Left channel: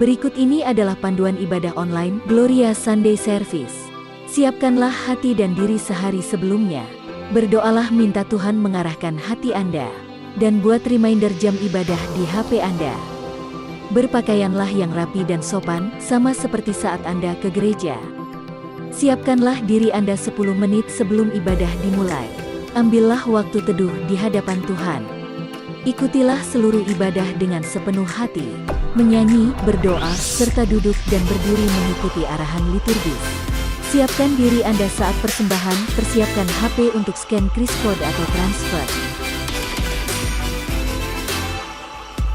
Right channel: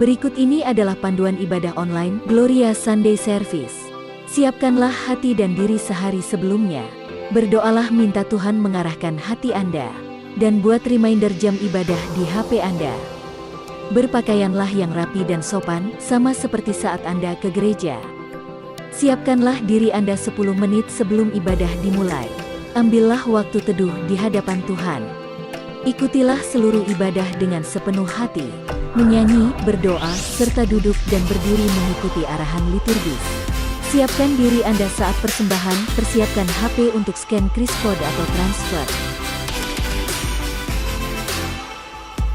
Berikut ini adalah panduan ibadah online Gloria Sunday Service. Siapkanlah hati dan diri sehari sebelumnya. Berdoalah minta Tuhan mengarahkan hati Anda. Dan buat reminder jam ibadah di HP Anda. Berpakaianlah yang rapi dan sopan, sama seperti saat Anda ke gereja. Siapkanlah diri Anda 10 menit sebelum ibadah dimulai. Ambillah waktu teduh di hadapan Tuhan. Ikutilah seluruh ibadah dengan sepenuh hati. Menyanyi, berdoa, serta duduk dan berdiri mengikuti arahan liturgis. Siapkan diri Anda saat persembahan, persiapkan HP untuk scan kris kode atau transfer.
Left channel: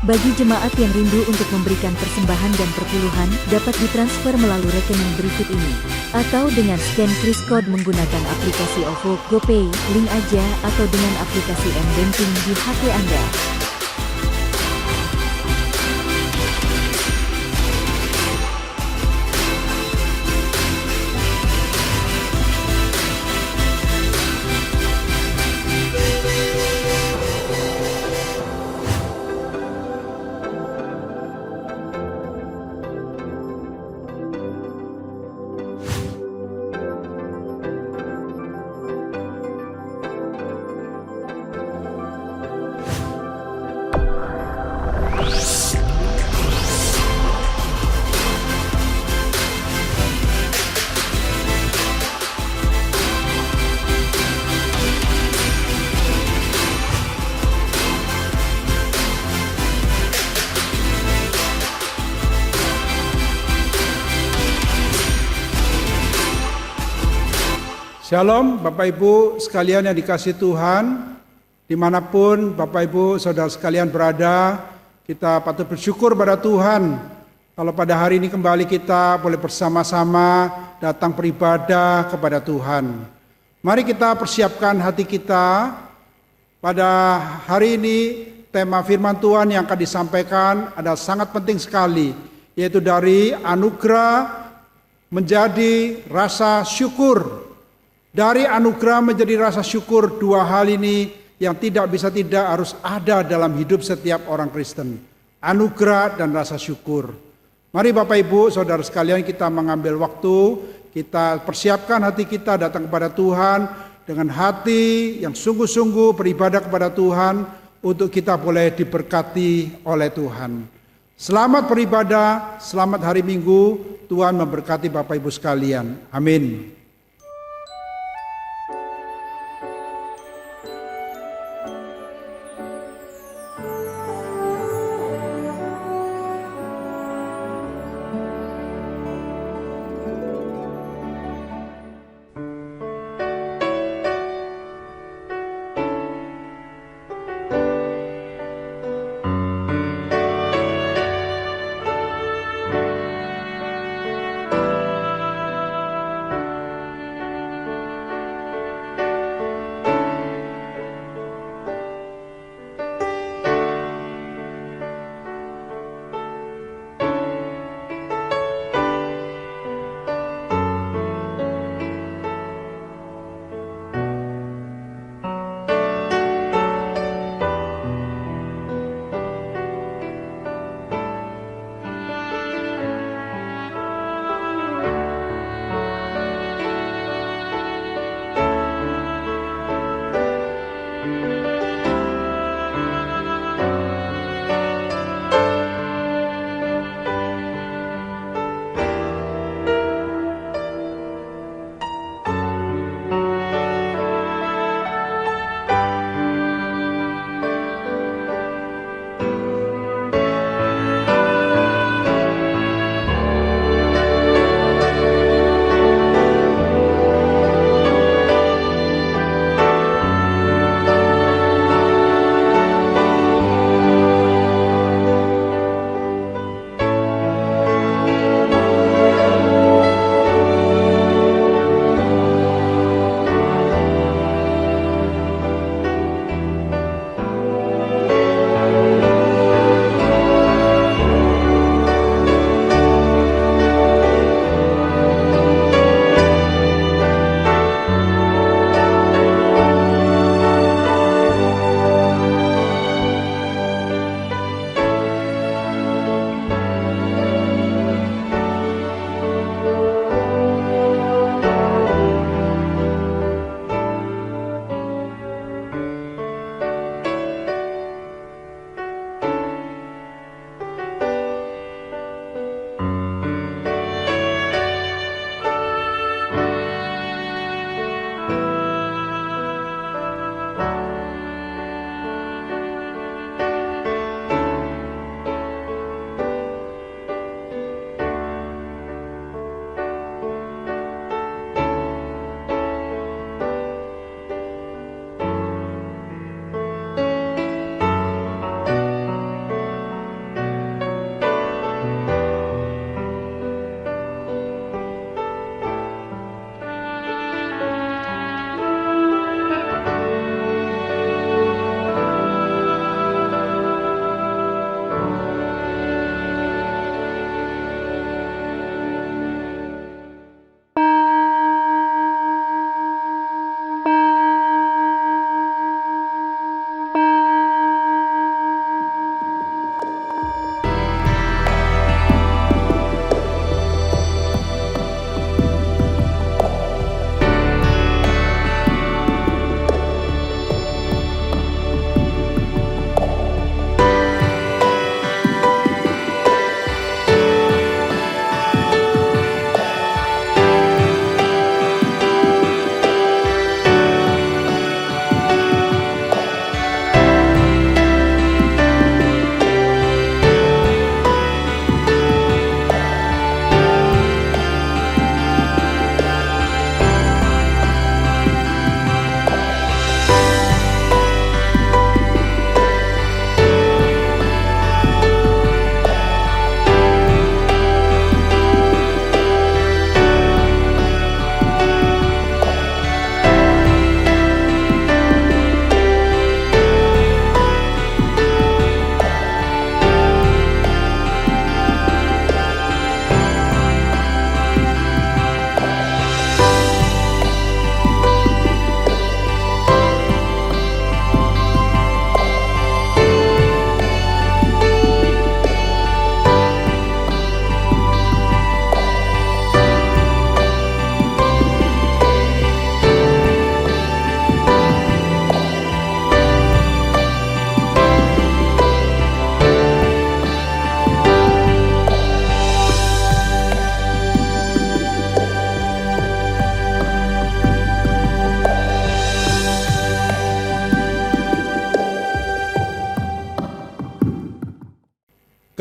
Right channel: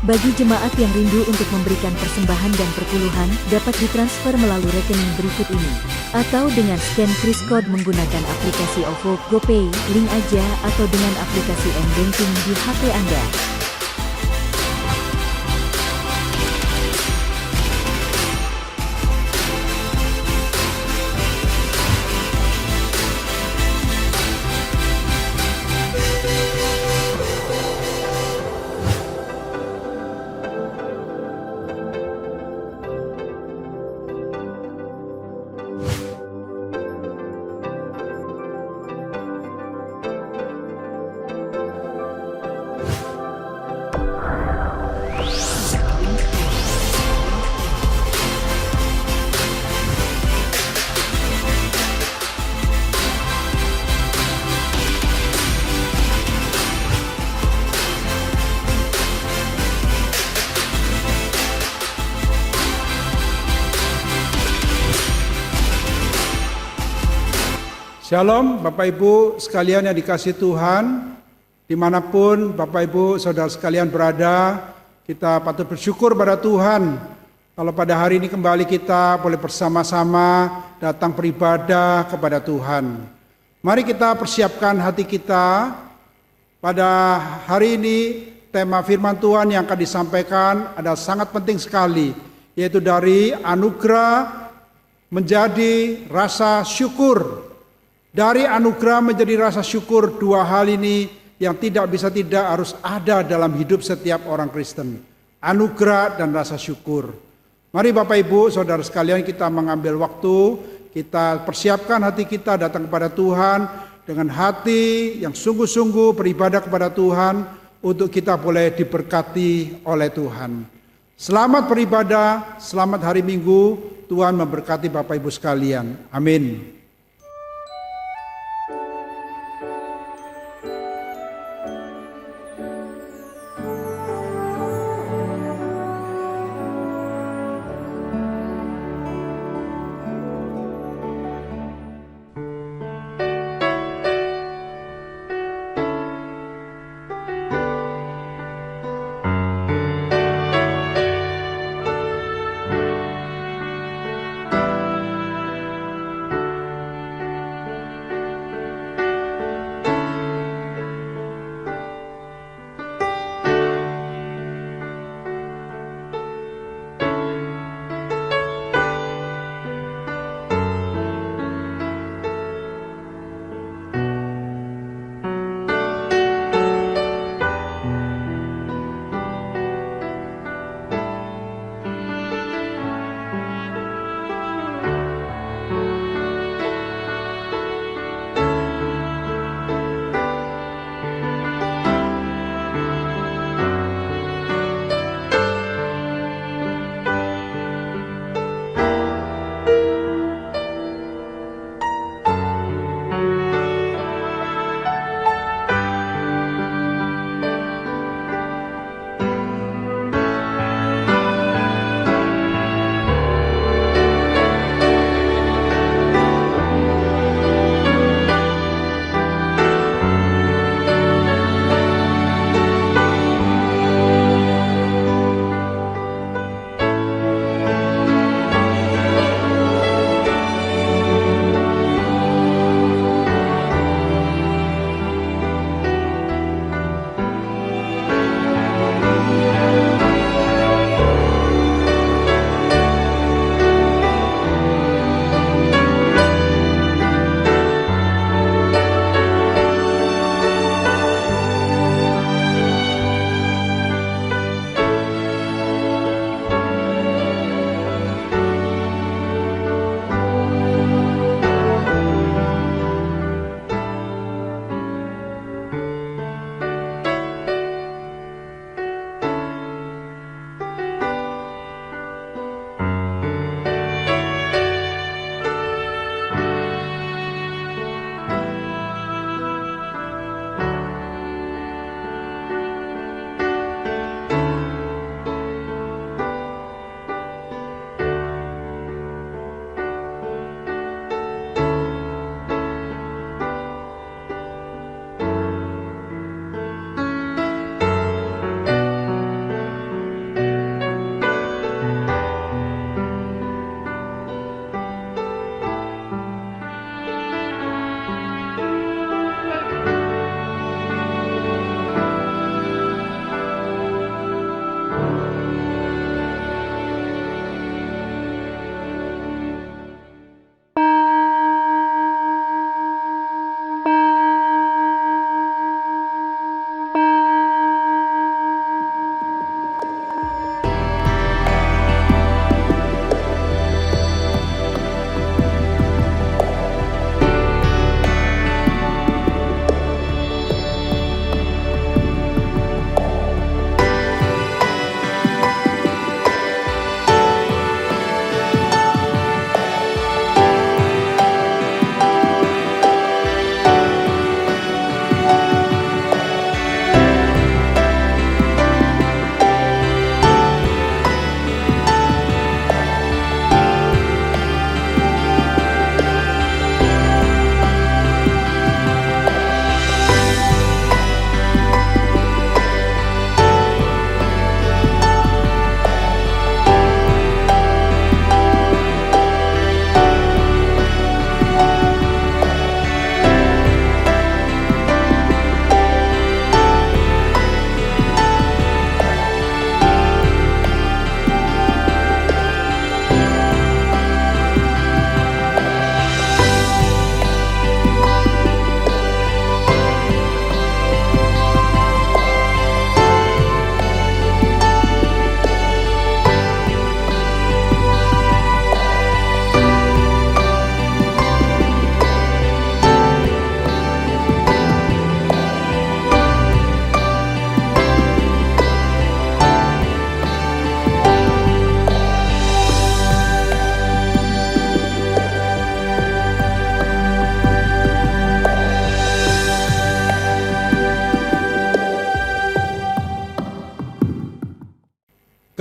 Bagi jemaat yang rindu untuk memberikan persembahan dan perpuluhan, dapat ditransfer melalui rekening berikut ini. Atau dengan scan kris kode menggunakan aplikasi OVO, GoPay, link aja, atau dengan aplikasi M-Banking di HP Anda. Shalom Bapak Ibu sekalian yang dikasihi Tuhan, dimanapun Bapak Ibu saudara sekalian berada, kita patut bersyukur pada Tuhan. Kalau pada hari ini kembali kita boleh bersama-sama datang beribadah kepada Tuhan. Mari kita persiapkan hati kita. Pada hari ini tema firman Tuhan yang akan disampaikan ada sangat penting sekali, yaitu dari anugerah menjadi rasa syukur. Dari anugerah menjadi rasa syukur, dua hal ini yang tidak bisa tidak harus ada dalam hidup setiap orang Kristen. Anugerah dan rasa syukur. Mari Bapak Ibu, saudara sekalian, kita mengambil waktu, kita persiapkan hati kita datang kepada Tuhan dengan hati yang sungguh-sungguh beribadah kepada Tuhan untuk kita boleh diberkati oleh Tuhan. Selamat beribadah, selamat hari Minggu, Tuhan memberkati Bapak Ibu sekalian. Amin.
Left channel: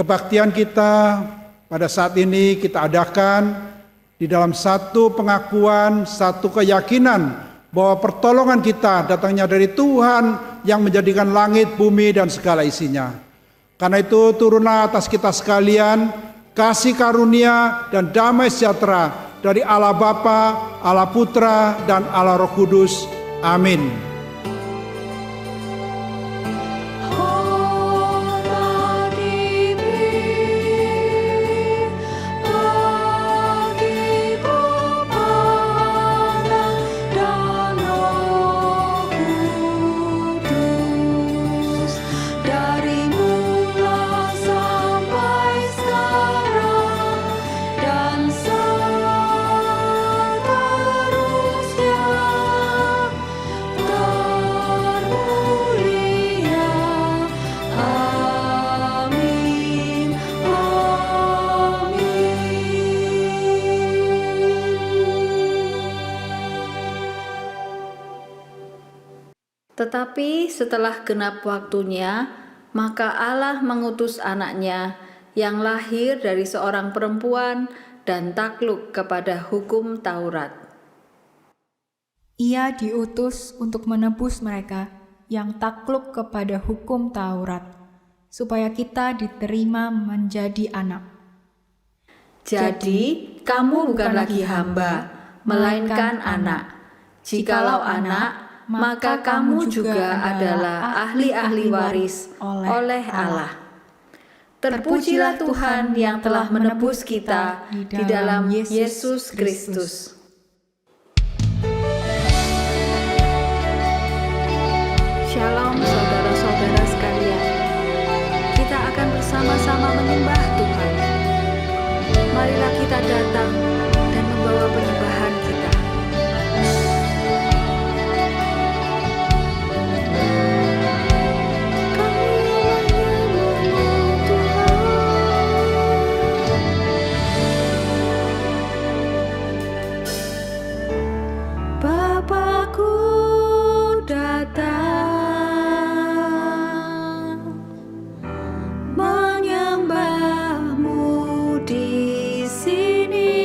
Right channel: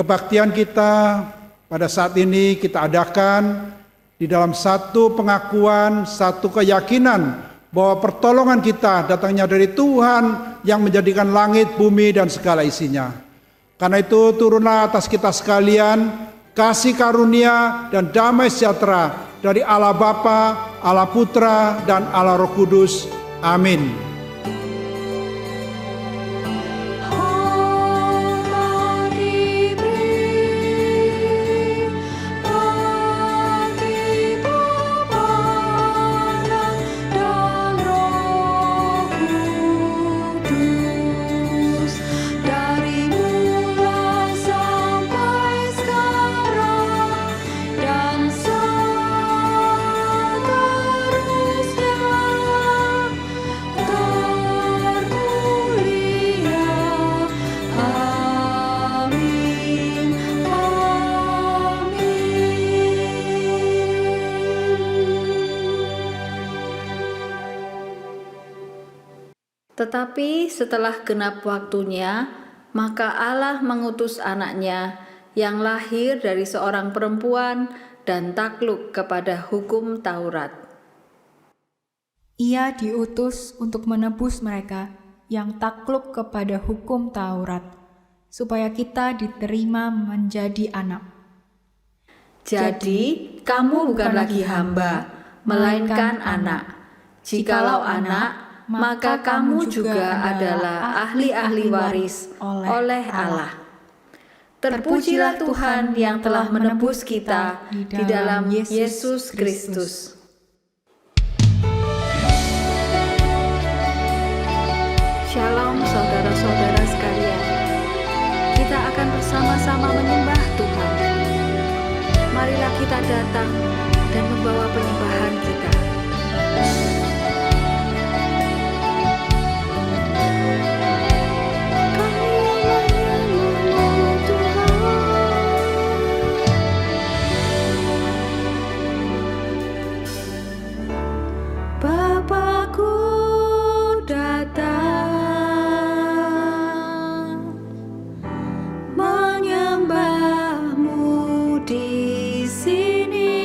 kebaktian kita pada saat ini kita adakan di dalam satu pengakuan, satu keyakinan bahwa pertolongan kita datangnya dari Tuhan yang menjadikan langit, bumi, dan segala isinya. Karena itu turunlah atas kita sekalian kasih karunia dan damai sejahtera dari Allah Bapa, Allah Putra, dan Allah Roh Kudus. Amin. Tetapi setelah genap waktunya, maka Allah mengutus anaknya yang lahir dari seorang perempuan dan takluk kepada hukum Taurat. Ia diutus untuk menebus mereka yang takluk kepada hukum Taurat, supaya kita diterima menjadi anak. Jadi, kamu bukan lagi hamba, melainkan anak. Jikalau anak, maka kamu juga adalah ahli-ahli waris oleh Allah. Terpujilah Tuhan yang telah menebus kita di dalam Yesus Kristus. Shalom saudara-saudara sekalian. Kita akan bersama-sama menyembah Tuhan. Marilah kita datang dan membawa penyembahan kita. Bapakku datang menyembahmu di sini.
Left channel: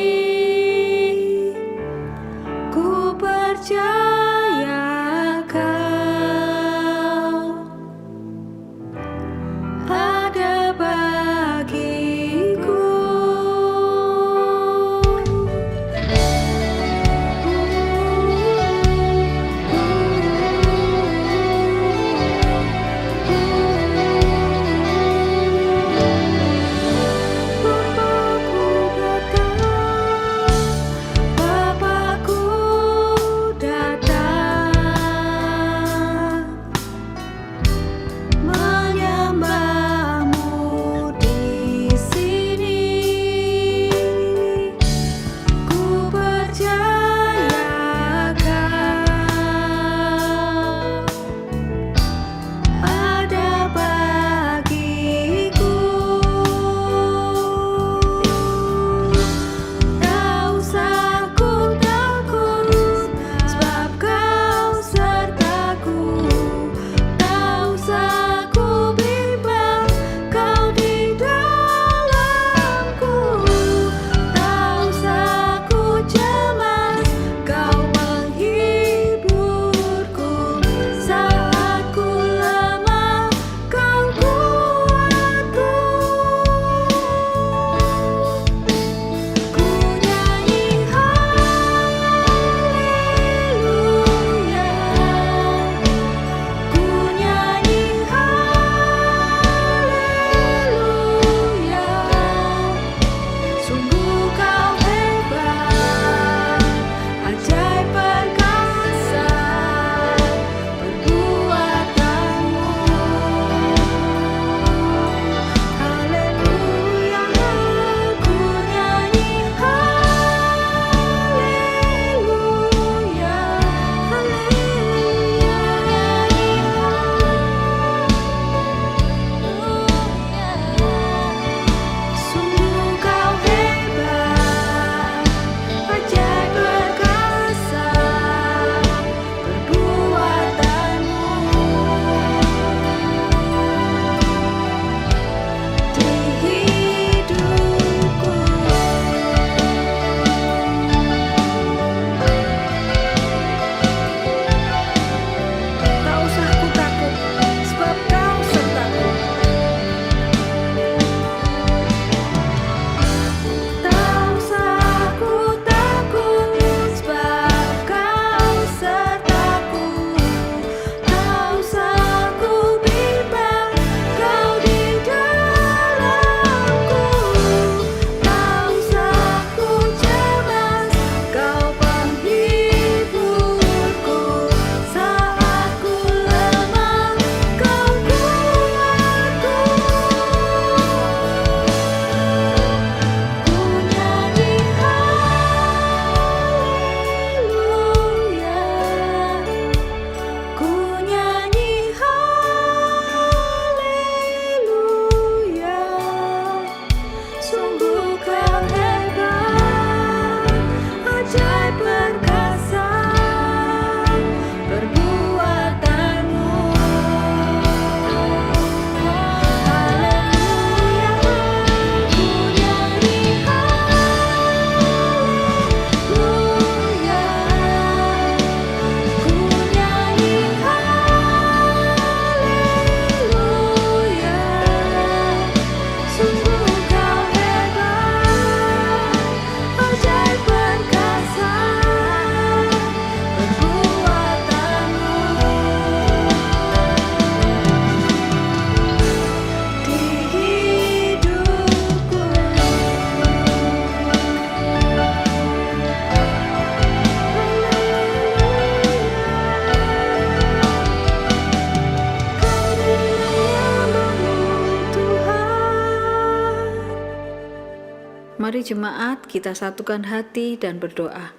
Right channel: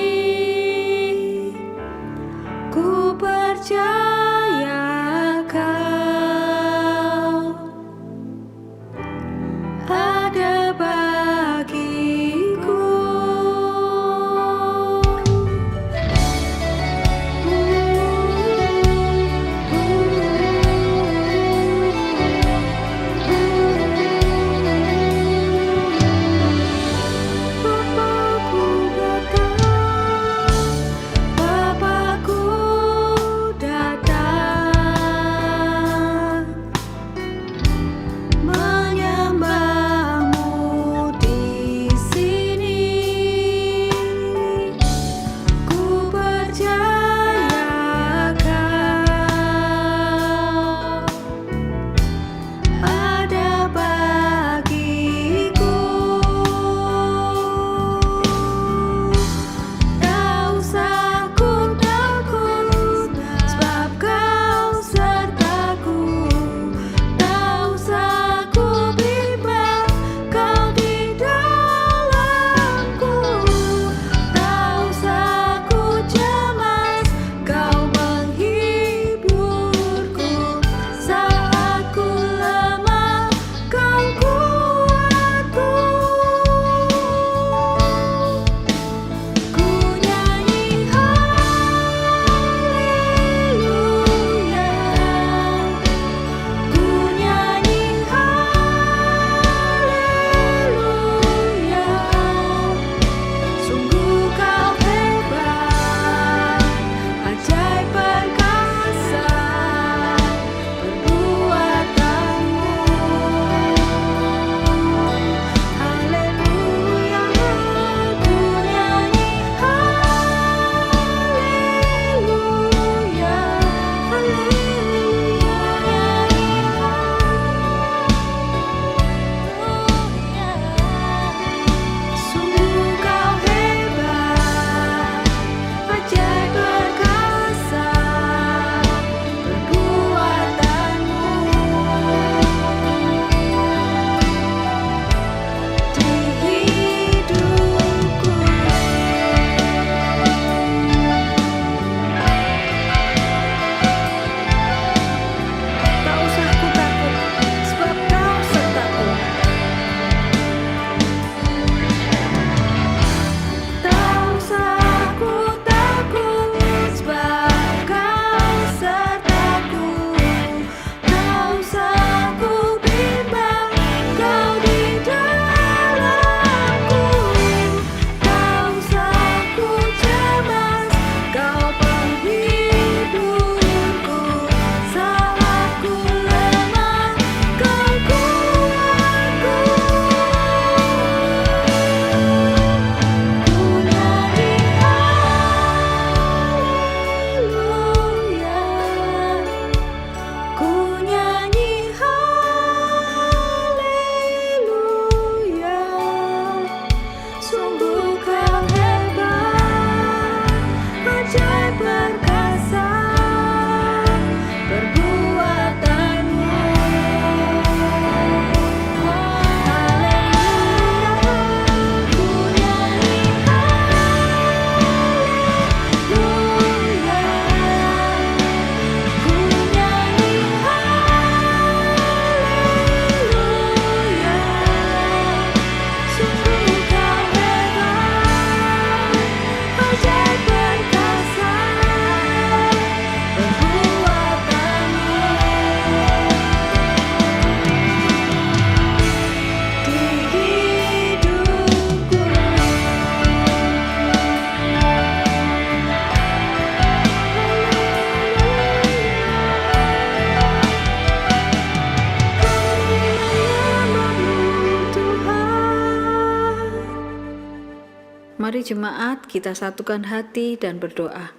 Mari jemaat kita satukan hati dan berdoa.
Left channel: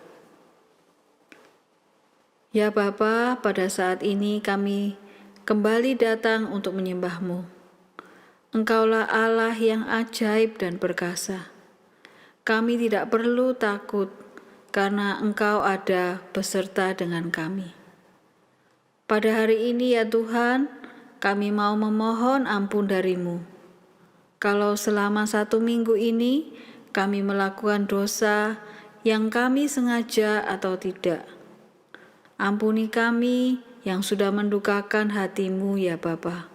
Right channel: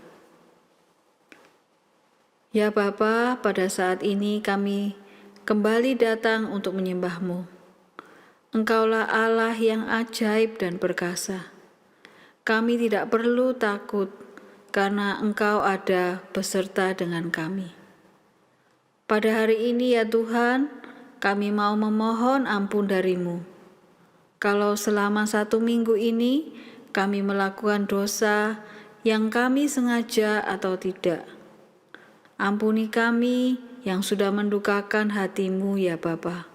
Ya Bapa, pada saat ini kami kembali datang untuk menyembah-Mu. Engkaulah Allah yang ajaib dan perkasa. Kami tidak perlu takut karena Engkau ada beserta dengan kami. Pada hari ini ya Tuhan, kami mau memohon ampun dari-Mu. Kalau selama 1 minggu ini kami melakukan dosa yang kami sengaja atau tidak, ampuni kami yang sudah mendukakan hati-Mu ya Bapa.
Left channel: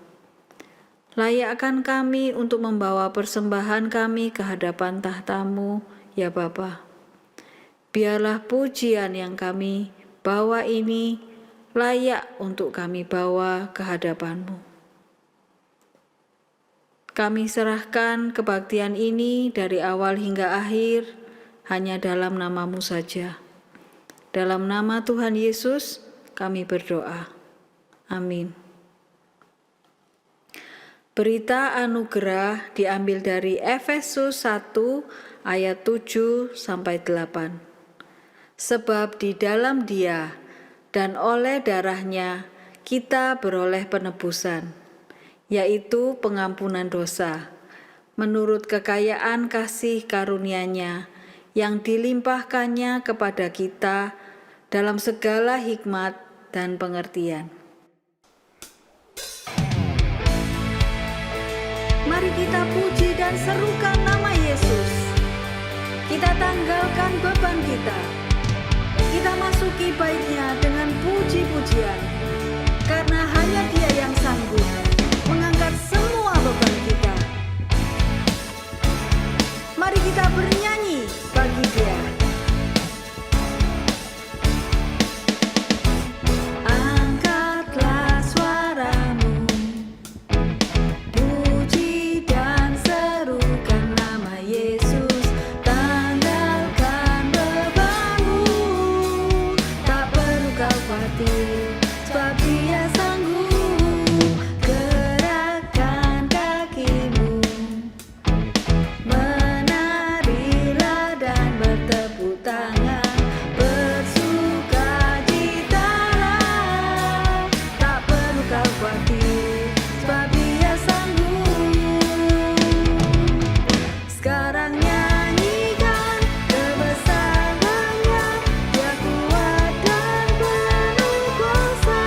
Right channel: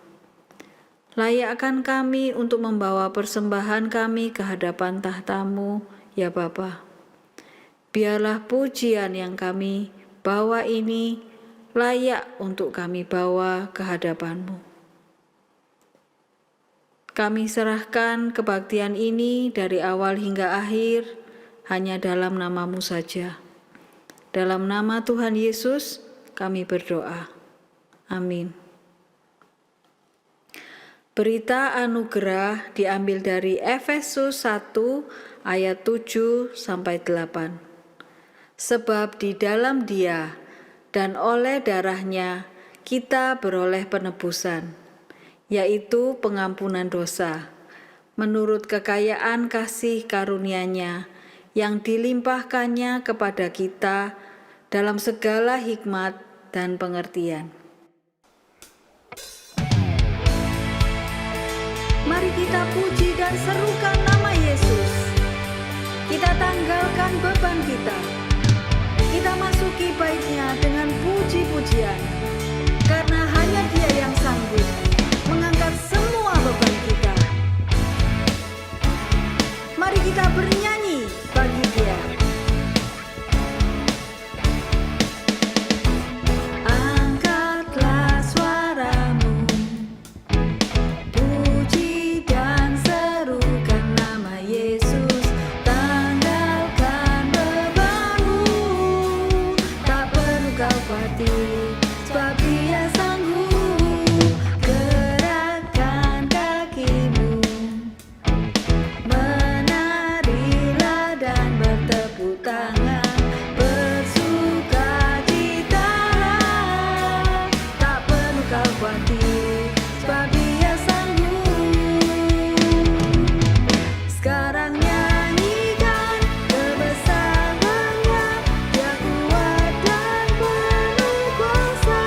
Layakkan kami untuk membawa persembahan kami ke hadapan tahta-Mu ya Bapa. Biarlah pujian yang kami bawa ini layak untuk kami bawa ke hadapan-Mu. Kami serahkan kebaktian ini dari awal hingga akhir hanya dalam nama-Mu saja. Dalam nama Tuhan Yesus kami berdoa. Amin. Berita anugerah diambil dari Efesus 1 ayat 7-8. Sebab di dalam Dia dan oleh darah-Nya kita beroleh penebusan, yaitu pengampunan dosa, menurut kekayaan kasih karunia-Nya yang dilimpahkannya kepada kita dalam segala hikmat dan pengertian. Mari kita puji dan serukan nama Yesus. Kita tanggalkan beban kita. Kita masuki bait-Nya dengan puji-pujian, karena hanya Dia yang sanggup mengangkat semua beban kita. Mari kita bernyanyi bagi Dia. Angkatlah suaramu, puji dan serukan nama Yesus. Tanggalkan bebanmu, tak perlu kau khawatir, sebab Dia sanggup. Gerakkan kakimu, menarilah dan bertepuk tangan, bersukacitalah, tak perlu kau khawatir, sebab Dia sanggup. Sekarang nyanyikan kebesarannya, Dia kuat dan penuh kuasa.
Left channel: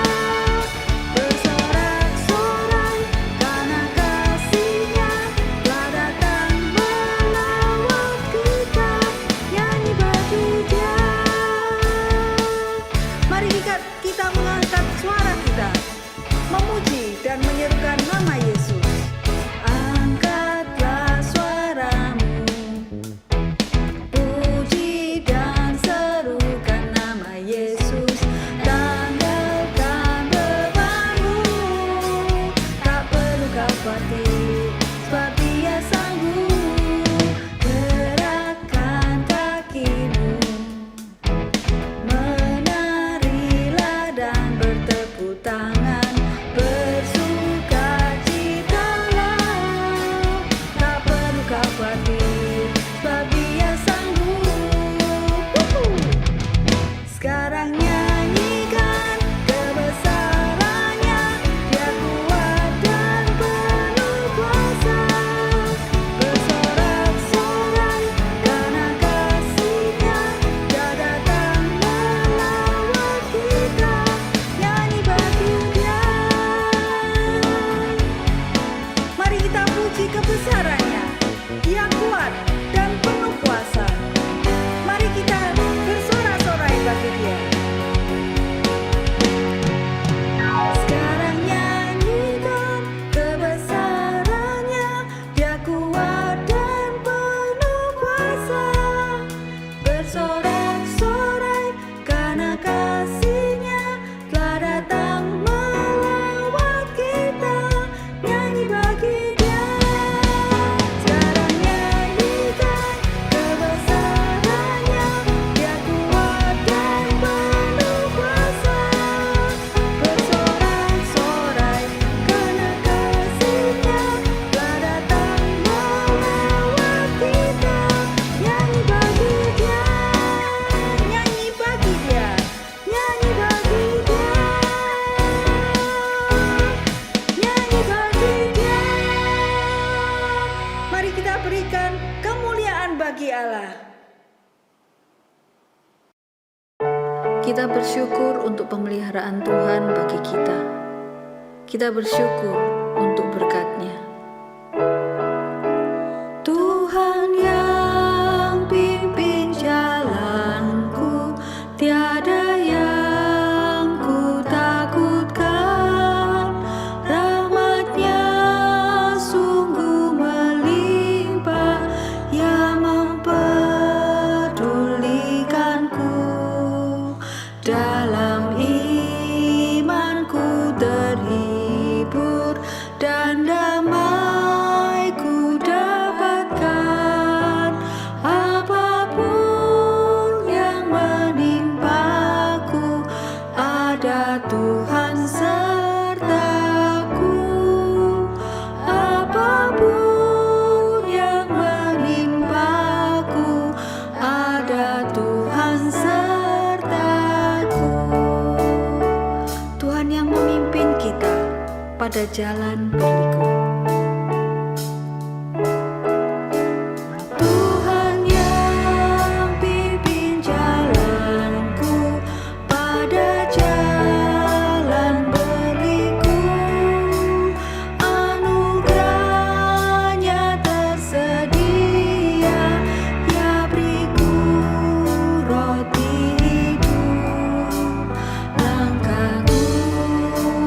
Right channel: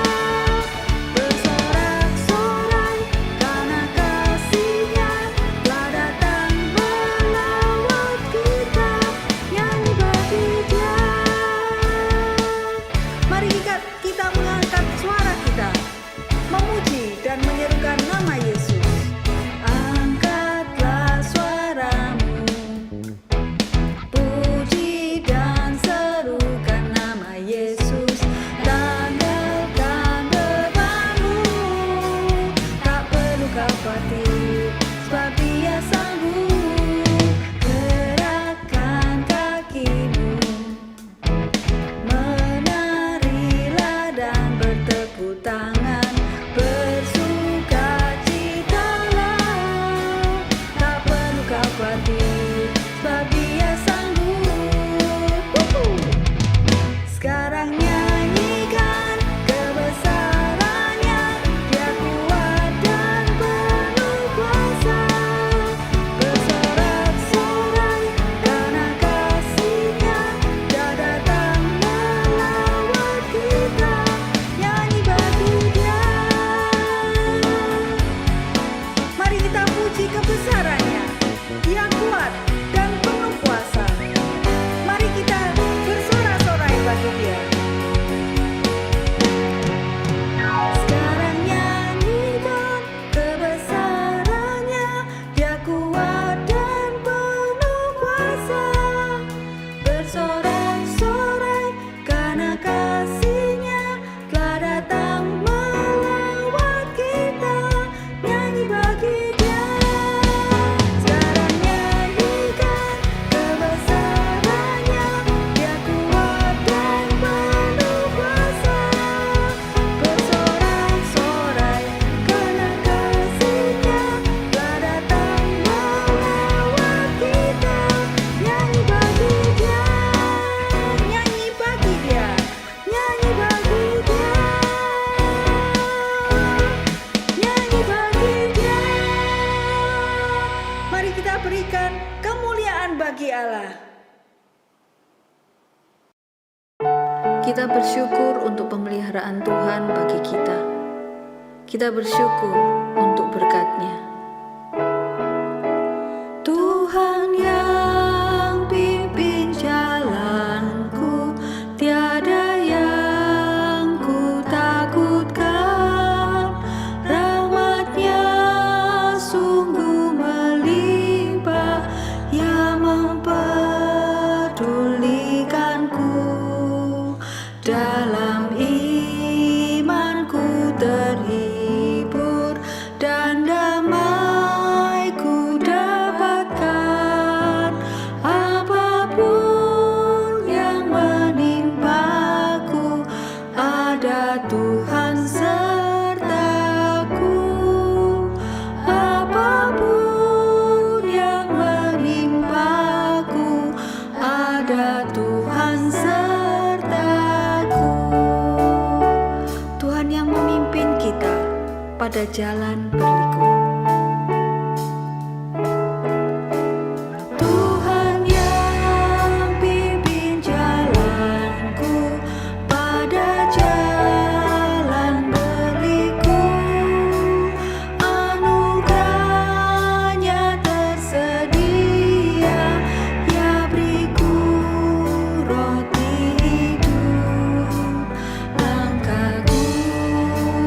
Bersorak-sorai karena kasih-Nya telah datang melawat kita. Nyanyi bagi Dia. Mari kita mengangkat suara kita, memuji dan menyerukan nama Yesus. Angkatlah suaramu, puji dan serukan nama Yesus. Tanggalkan bebanmu, tak perlu kau khawatir, sebab Dia sanggup. Gerakkan kakimu, menarilah dan bertepuk tangan, bersuka bagi Allah. Kita bersyukur untuk pemeliharaan Tuhan bagi kita. Kita bersyukur untuk berkat-Nya. Tuhan yang pimpin jalanku, tiada yang ku takutkan. Rahmat-Nya sungguh melimpah, yang mempedulikanku. Dalam imanku terhibur dan damai ku dapatkan. Apapun yang menimpaku, ada Tuhan sertaku. Apapun yang menimpaku, ada Tuhan sertaku. Tuhan yang memimpin kita pada jalan berliku. Tuhan yang pimpin jalanku pada jalan berliku. Anugerah-Nya tersedia, ya beriku roti hidup. Langkahku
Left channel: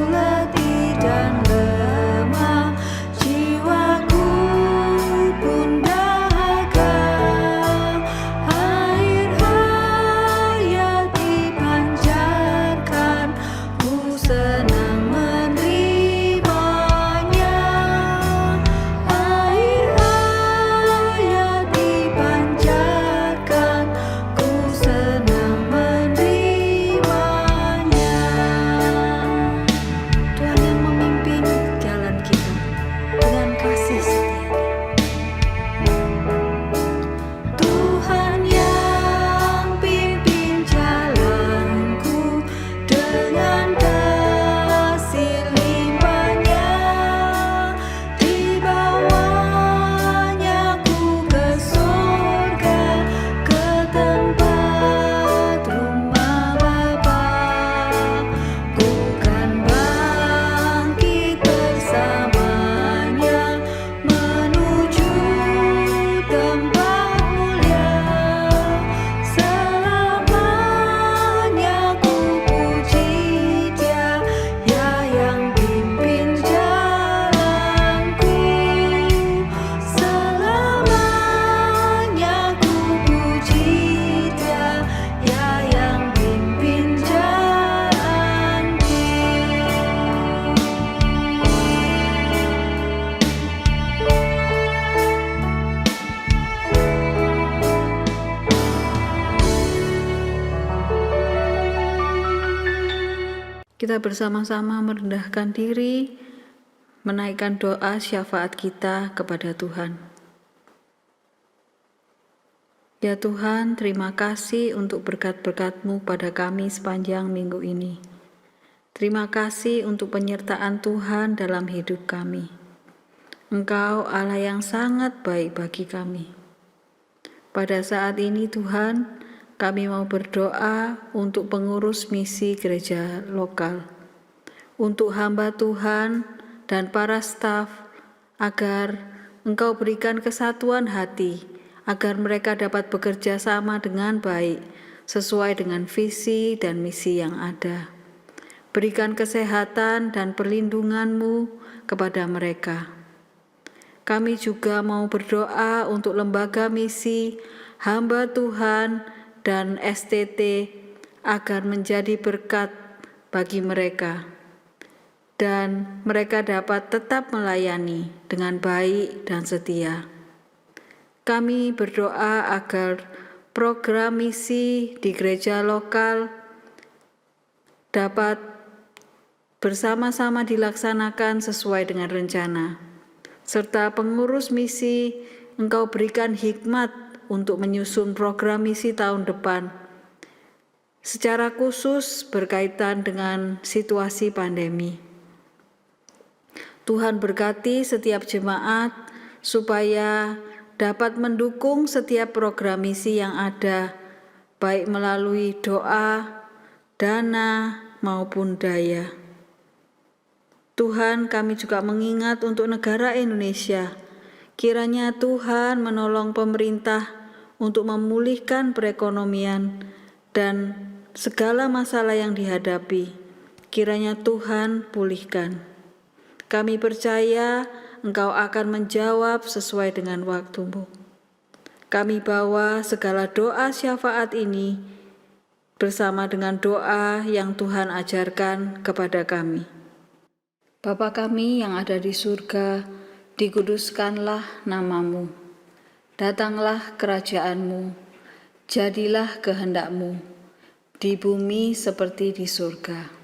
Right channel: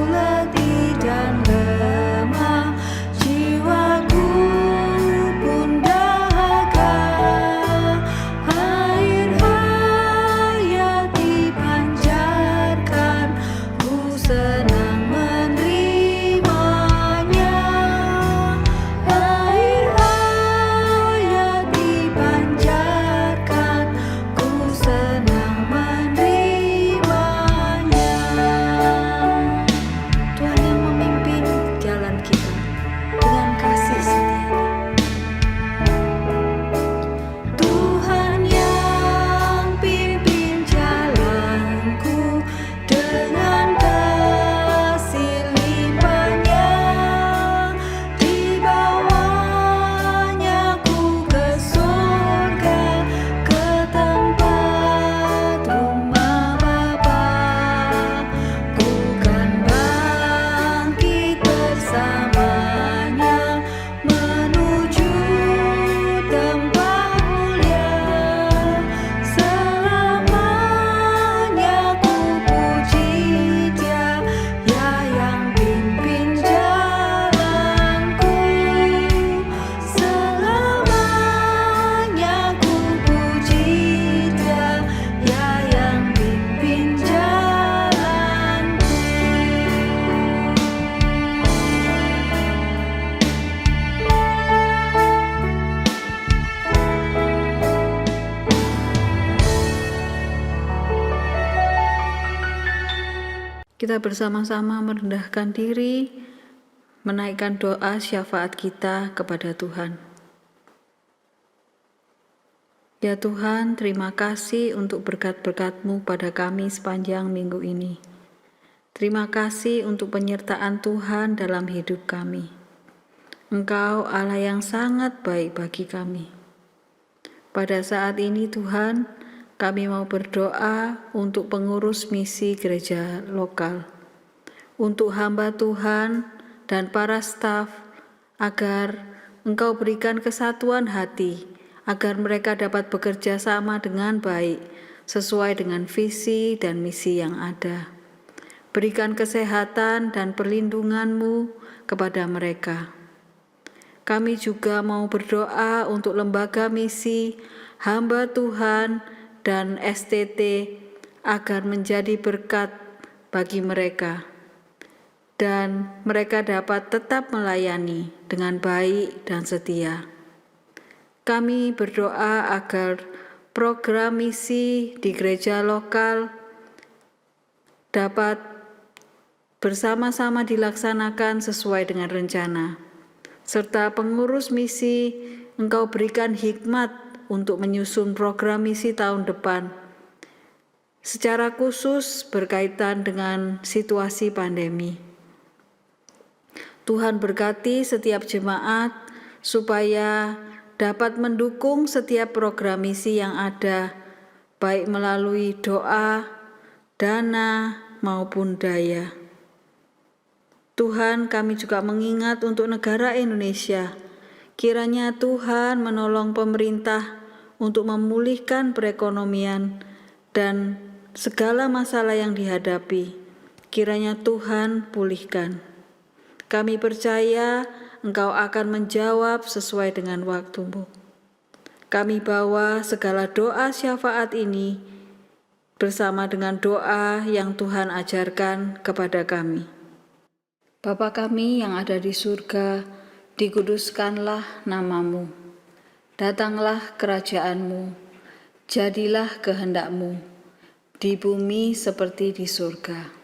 letih dan lemah, jiwaku pun dahaga. Air hayat dipancarkan, ku senang menerimanya. Air hayat dipancarkan, ku senang menerimanya. Tuhan yang memimpin jalan kita dengan kasih setia-Nya. Tuhan yang pimpin jalanku dengan kasih limpah-Nya. Di bawah-Nya ku ke surga, ke tempat rumah Bapa. Ku kan bangkit bersamanya, menuju tempat mulia. Selamanya ku puji Dia, ya yang pimpin jalanku. Selamanya ku puji Dia, ya yang pimpin jalanku. Kita bersama-sama merendahkan diri, menaikkan doa syafaat kita kepada Tuhan. Ya Tuhan, terima kasih untuk berkat-berkat-Mu pada kami sepanjang minggu ini. Terima kasih untuk penyertaan Tuhan dalam hidup kami. Engkau Allah yang sangat baik bagi kami. Pada saat ini Tuhan, kami mau berdoa untuk pengurus misi gereja lokal, untuk hamba Tuhan dan para staf, agar Engkau berikan kesatuan hati, agar mereka dapat bekerja sama dengan baik, sesuai dengan visi dan misi yang ada. Berikan kesehatan dan perlindungan-Mu kepada mereka. Kami juga mau berdoa untuk lembaga misi, hamba Tuhan, dan STT agar menjadi berkat bagi mereka, dan mereka dapat tetap melayani dengan baik dan setia. Kami berdoa agar program misi di gereja lokal dapat bersama-sama dilaksanakan sesuai dengan rencana, serta pengurus misi Engkau berikan hikmat untuk menyusun program misi tahun depan, secara khusus berkaitan dengan situasi pandemi. Tuhan berkati setiap jemaat supaya dapat mendukung setiap program misi yang ada, baik melalui doa, dana, maupun daya. Tuhan, kami juga mengingat untuk negara Indonesia. Kiranya Tuhan menolong pemerintah untuk memulihkan perekonomian dan segala masalah yang dihadapi. Kiranya Tuhan pulihkan. Kami percaya Engkau akan menjawab sesuai dengan waktu-Mu. Kami bawa segala doa syafaat ini bersama dengan doa yang Tuhan ajarkan kepada kami. Bapa kami yang ada di surga, dikuduskanlah nama-Mu. Datanglah kerajaan-Mu, jadilah kehendak-Mu, di bumi seperti di surga.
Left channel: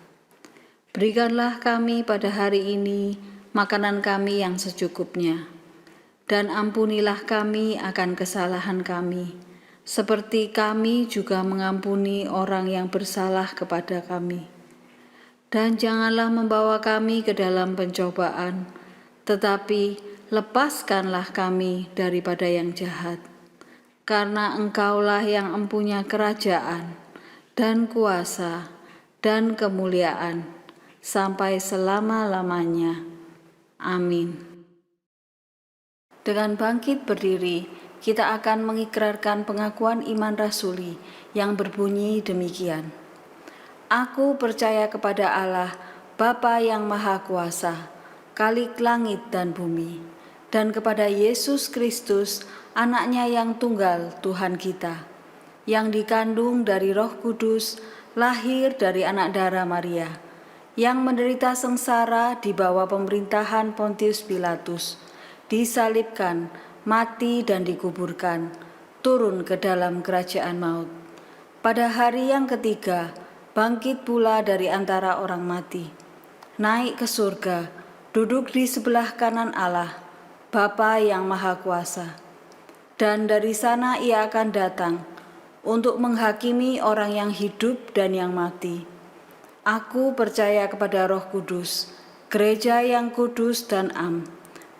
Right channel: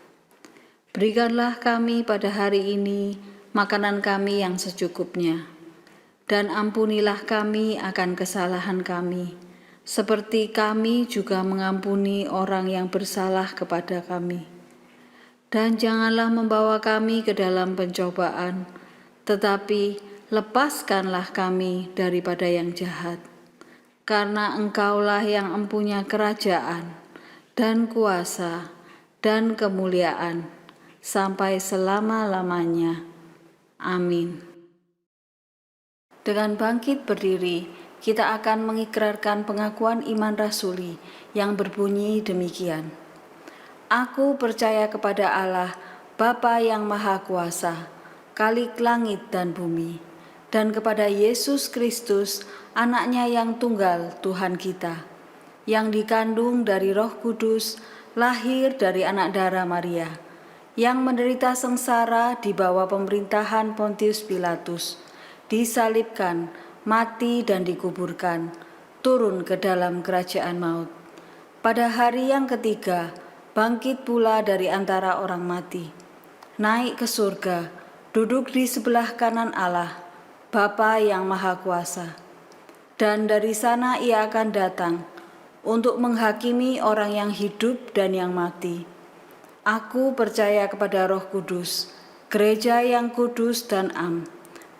Berikanlah kami pada hari ini makanan kami yang secukupnya, dan ampunilah kami akan kesalahan kami, seperti kami juga mengampuni orang yang bersalah kepada kami. Dan janganlah membawa kami ke dalam pencobaan, tetapi lepaskanlah kami daripada yang jahat. Karena Engkaulah yang empunya kerajaan, dan kuasa, dan kemuliaan, sampai selama-lamanya. Amin. Dengan bangkit berdiri, kita akan mengikrarkan pengakuan iman rasuli yang berbunyi demikian. Aku percaya kepada Allah, Bapa yang Maha Kuasa, Khalik langit dan bumi, dan kepada Yesus Kristus, Anaknya yang tunggal Tuhan kita, yang dikandung dari Roh Kudus, lahir dari anak darah Maria, yang menderita sengsara di bawah pemerintahan Pontius Pilatus, disalibkan, mati dan dikuburkan, turun ke dalam kerajaan maut. Pada hari yang ketiga, bangkit pula dari antara orang mati, naik ke surga, duduk di sebelah kanan Allah, Bapa yang Maha Kuasa. Dan dari sana Ia akan datang untuk menghakimi orang yang hidup dan yang mati. Aku percaya kepada Roh Kudus, gereja yang kudus dan am,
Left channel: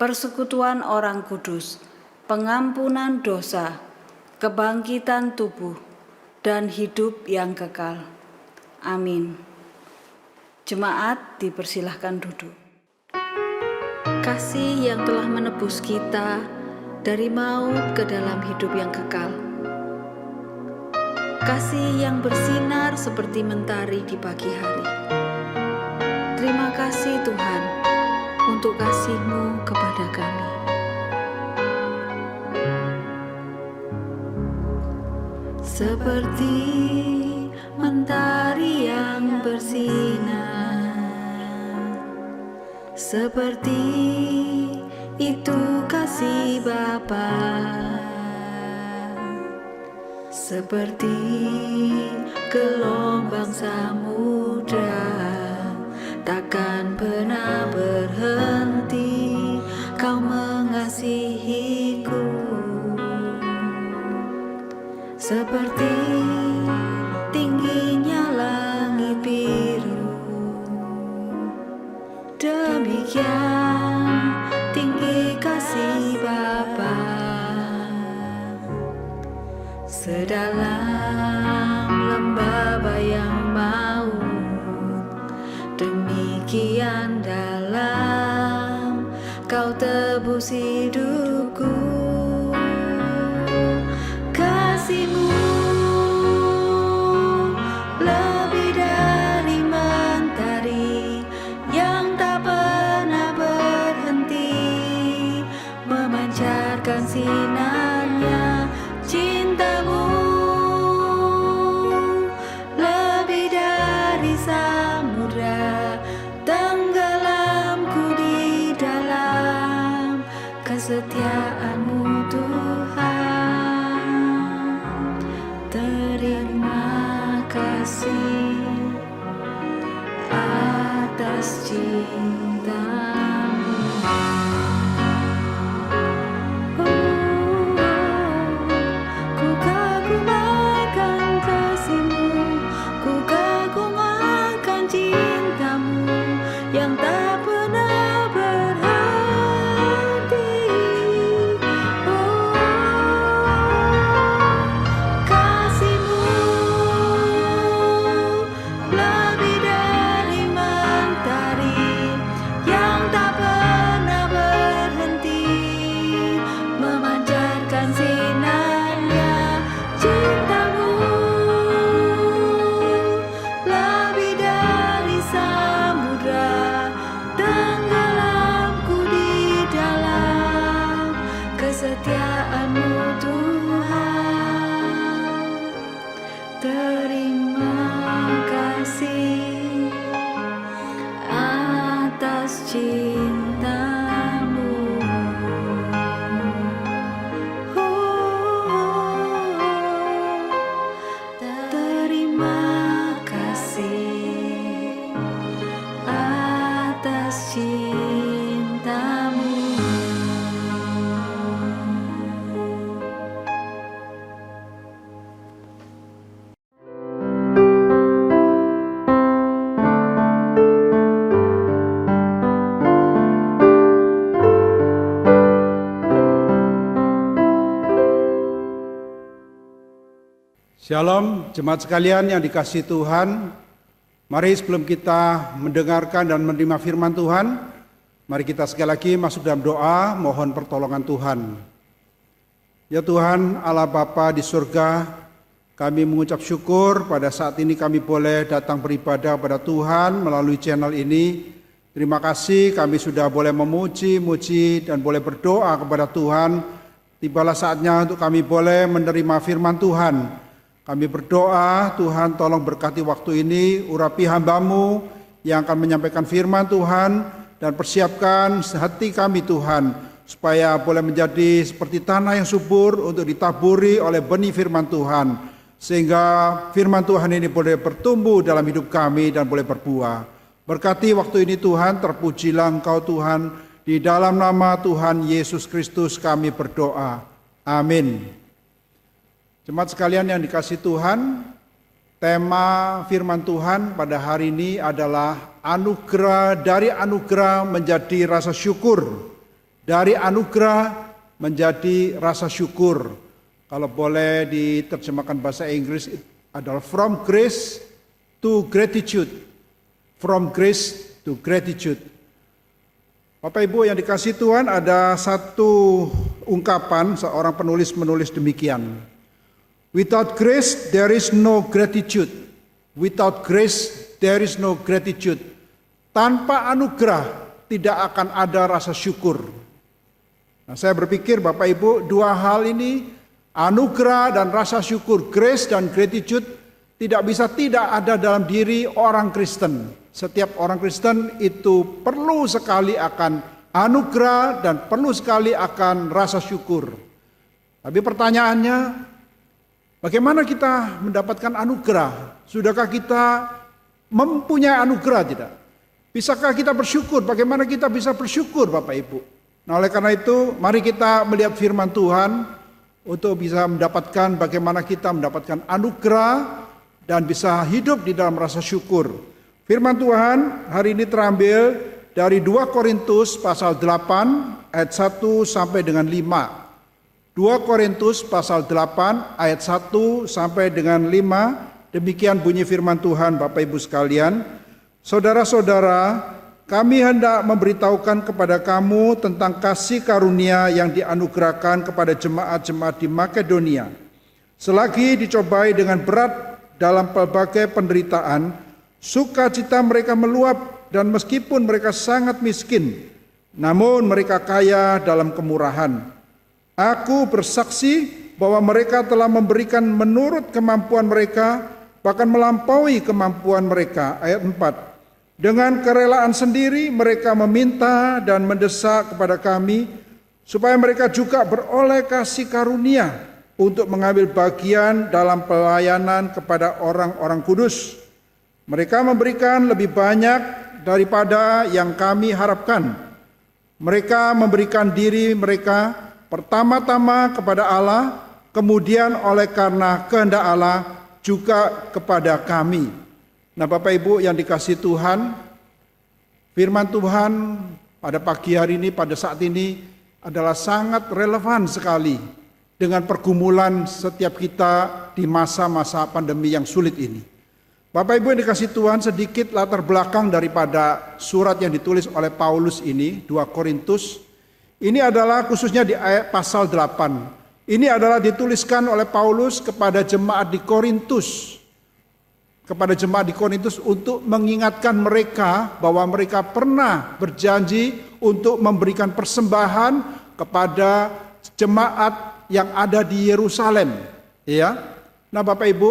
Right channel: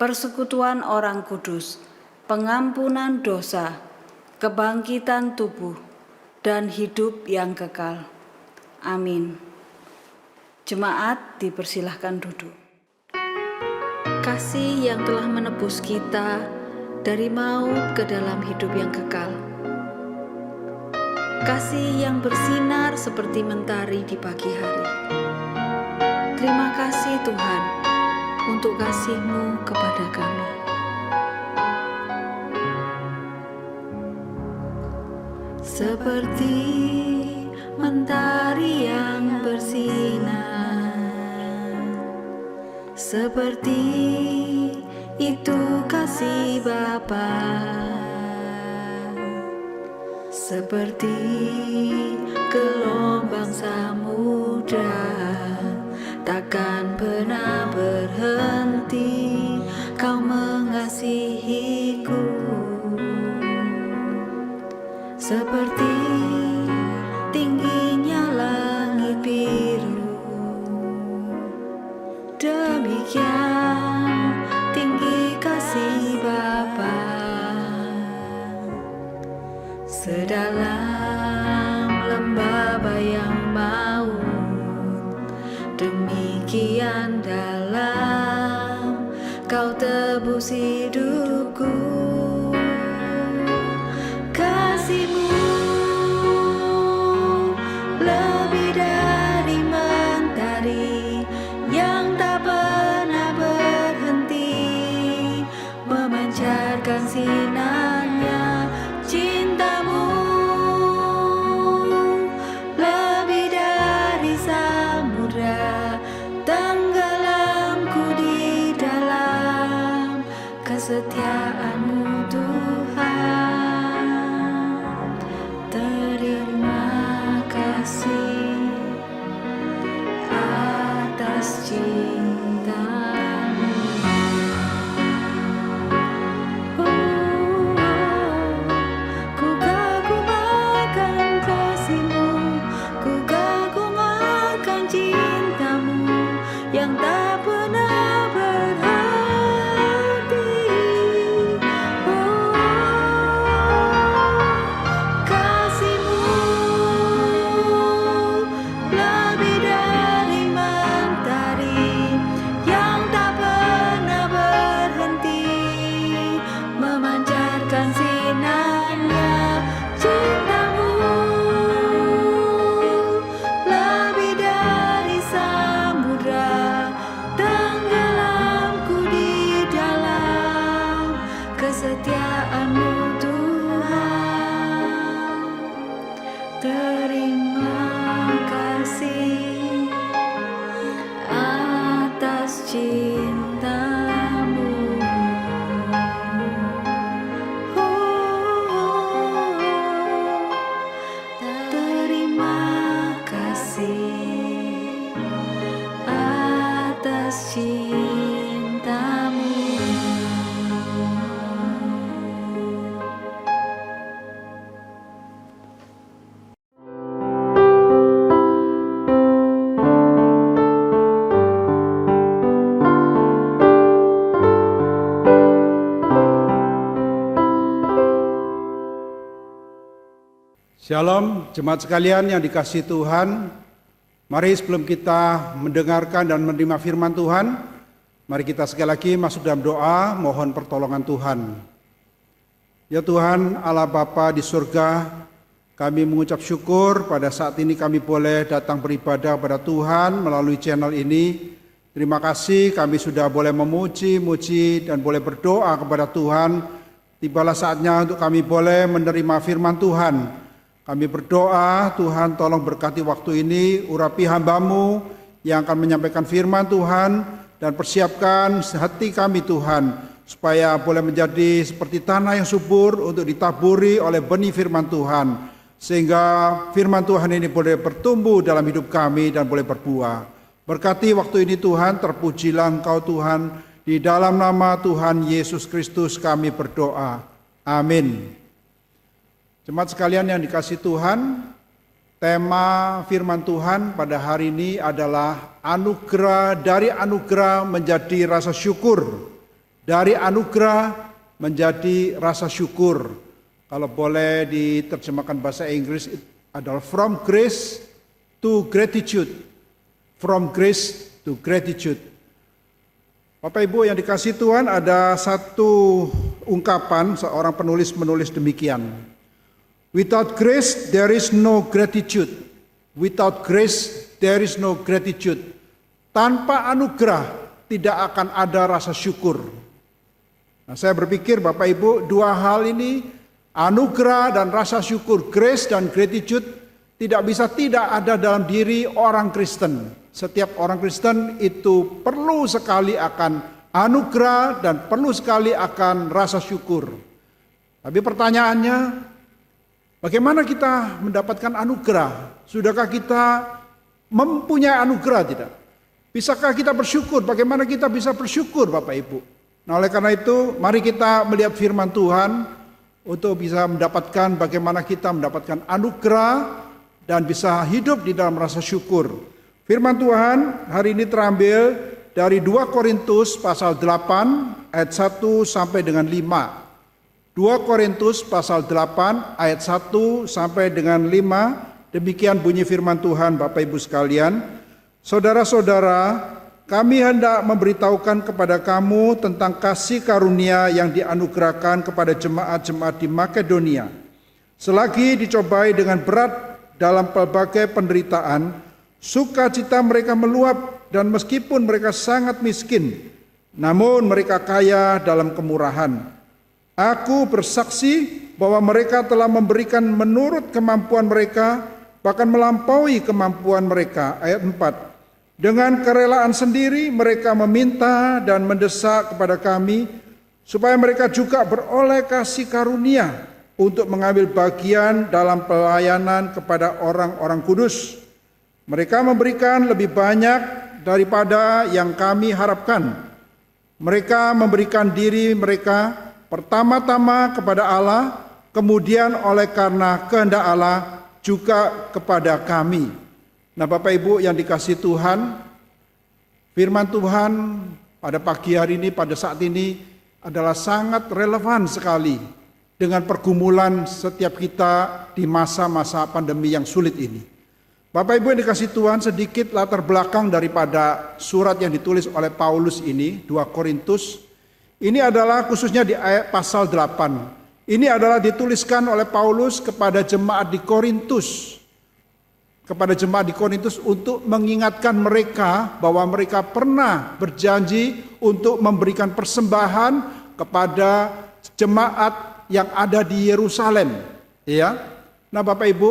persekutuan orang kudus, pengampunan dosa, kebangkitan tubuh, dan hidup yang kekal. Amin. Jemaat dipersilahkan duduk. Kasih yang telah menebus kita dari maut ke dalam hidup yang kekal. Kasih yang bersinar seperti mentari di pagi hari. Terima kasih Tuhan untuk kasih-Mu kepada kami. Seperti mentari yang bersinar, seperti itu kasih Bapa, seperti gelombang samudra, takkan pernah berhenti Kau mengasihiku. Seperti tingginya langit biru, demikian tinggi kasih Bapa. Sedalam lembah bayang maut, demikian dalam Kau tebus hidupku. Kasih-Mu lebih dari mentari yang tak pernah berhenti memancarkan sinarnya. Cinta-Mu lebih dari samudra, tenggelamku di dalam kesetiaan-Mu Tuhan. Terima kasih atas cinta-Mu. Ku kagum akan kasih-Mu, ku kagum akan cinta-Mu yang tak pernah berhenti. cintamu. Terima kasih atas cintamu. Shalom, jemaat sekalian yang dikasihi Tuhan. Mari sebelum kita mendengarkan dan menerima firman Tuhan, mari kita sekali lagi masuk dalam doa, mohon pertolongan Tuhan. Ya Tuhan, Allah Bapa di surga, kami mengucap syukur pada saat ini kami boleh datang beribadah pada Tuhan melalui channel ini. Terima kasih kami sudah boleh memuji dan boleh berdoa kepada Tuhan. Tibalah saatnya untuk kami boleh menerima firman Tuhan. Kami berdoa, Tuhan tolong berkati waktu ini, urapi hamba-Mu yang akan menyampaikan firman Tuhan, dan persiapkan hati kami Tuhan, supaya boleh menjadi seperti tanah yang subur untuk ditaburi oleh benih firman Tuhan, sehingga firman Tuhan ini boleh bertumbuh dalam hidup kami dan boleh berbuah. Berkati waktu ini Tuhan, terpujilah Engkau Tuhan, di dalam nama Tuhan Yesus Kristus kami berdoa. Amin. Jemaat sekalian yang dikasihi Tuhan, tema firman Tuhan pada hari ini adalah anugerah, dari anugerah menjadi rasa syukur. Dari anugerah menjadi rasa syukur. Kalau boleh diterjemahkan bahasa Inggris adalah from grace to gratitude. From grace to gratitude. Bapak Ibu yang dikasihi Tuhan, ada satu ungkapan seorang penulis menulis demikian. Without grace, there is no gratitude. Without grace, there is no gratitude. Tanpa anugerah, tidak akan ada rasa syukur. Nah, saya berpikir Bapak Ibu, dua hal ini, anugerah dan rasa syukur, grace dan gratitude, tidak bisa tidak ada dalam diri orang Kristen. Setiap orang Kristen itu perlu sekali akan anugerah dan perlu sekali akan rasa syukur. Tapi pertanyaannya, bagaimana kita mendapatkan anugerah? Sudahkah kita mempunyai anugerah tidak? Bisakah kita bersyukur? Bagaimana kita bisa bersyukur Bapak Ibu? Nah oleh karena itu mari kita melihat firman Tuhan untuk bisa mendapatkan bagaimana kita mendapatkan anugerah dan bisa hidup di dalam rasa syukur. Firman Tuhan hari ini terambil dari 2 Korintus pasal 8 ayat 1 sampai dengan 5. 2 Korintus pasal 8 ayat 1 sampai dengan 5, demikian bunyi firman Tuhan Bapak Ibu sekalian. Saudara-saudara, kami hendak memberitahukan kepada kamu tentang kasih karunia yang dianugerahkan kepada jemaat-jemaat di Makedonia. Selagi dicobai dengan berat dalam pelbagai penderitaan, sukacita mereka meluap, dan meskipun mereka sangat miskin, namun mereka kaya dalam kemurahan. Aku bersaksi bahwa mereka telah memberikan menurut kemampuan mereka, bahkan melampaui kemampuan mereka. Ayat 4. Dengan kerelaan sendiri mereka meminta dan mendesak kepada kami, supaya mereka juga beroleh kasih karunia untuk mengambil bagian dalam pelayanan kepada orang-orang kudus. Mereka memberikan lebih banyak daripada yang kami harapkan. Mereka memberikan diri mereka pertama-tama kepada Allah, kemudian oleh karena kehendak Allah juga kepada kami. Nah Bapak Ibu yang dikasihi Tuhan, firman Tuhan pada pagi hari ini, pada saat ini adalah sangat relevan sekali dengan pergumulan setiap kita di masa-masa pandemi yang sulit ini. Bapak Ibu yang dikasihi Tuhan, sedikit latar belakang daripada surat yang ditulis oleh Paulus ini, 2 Korintus. Ini adalah khususnya di ayat pasal 8. Ini adalah dituliskan oleh Paulus kepada jemaat di Korintus. Kepada jemaat di Korintus untuk mengingatkan mereka bahwa mereka pernah berjanji untuk memberikan persembahan kepada jemaat yang ada di Yerusalem. Ya. Nah Bapak Ibu,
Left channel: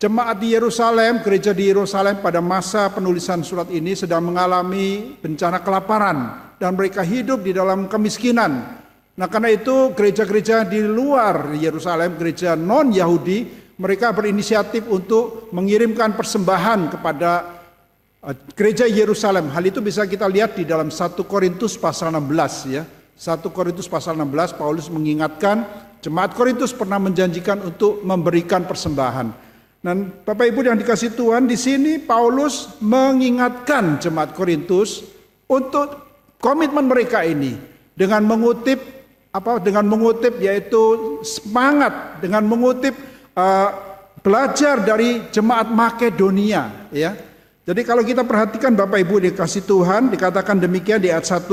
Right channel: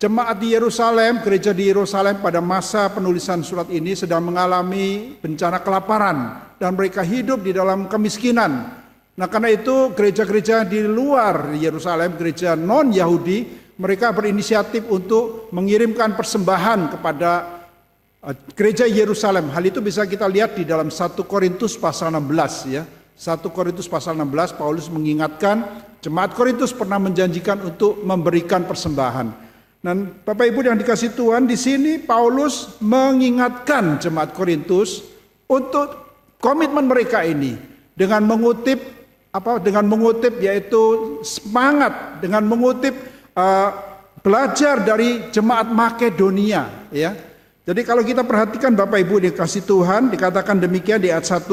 Jemaat di Yerusalem, gereja di Yerusalem pada masa penulisan surat ini sedang mengalami bencana kelaparan dan mereka hidup di dalam kemiskinan. Nah, karena itu gereja-gereja di luar Yerusalem, gereja non-Yahudi, mereka berinisiatif untuk mengirimkan persembahan kepada gereja Yerusalem. Hal itu bisa kita lihat di dalam 1 Korintus pasal 16 ya. 1 Korintus pasal 16 Paulus mengingatkan jemaat Korintus pernah menjanjikan untuk memberikan persembahan. Dan Bapak Ibu yang dikasihi Tuhan, di sini Paulus mengingatkan jemaat Korintus untuk komitmen mereka ini dengan mengutip yaitu semangat, dengan mengutip belajar dari jemaat Makedonia ya. Jadi kalau kita perhatikan Bapak Ibu dikasihi Tuhan, dikatakan demikian di ayat 1,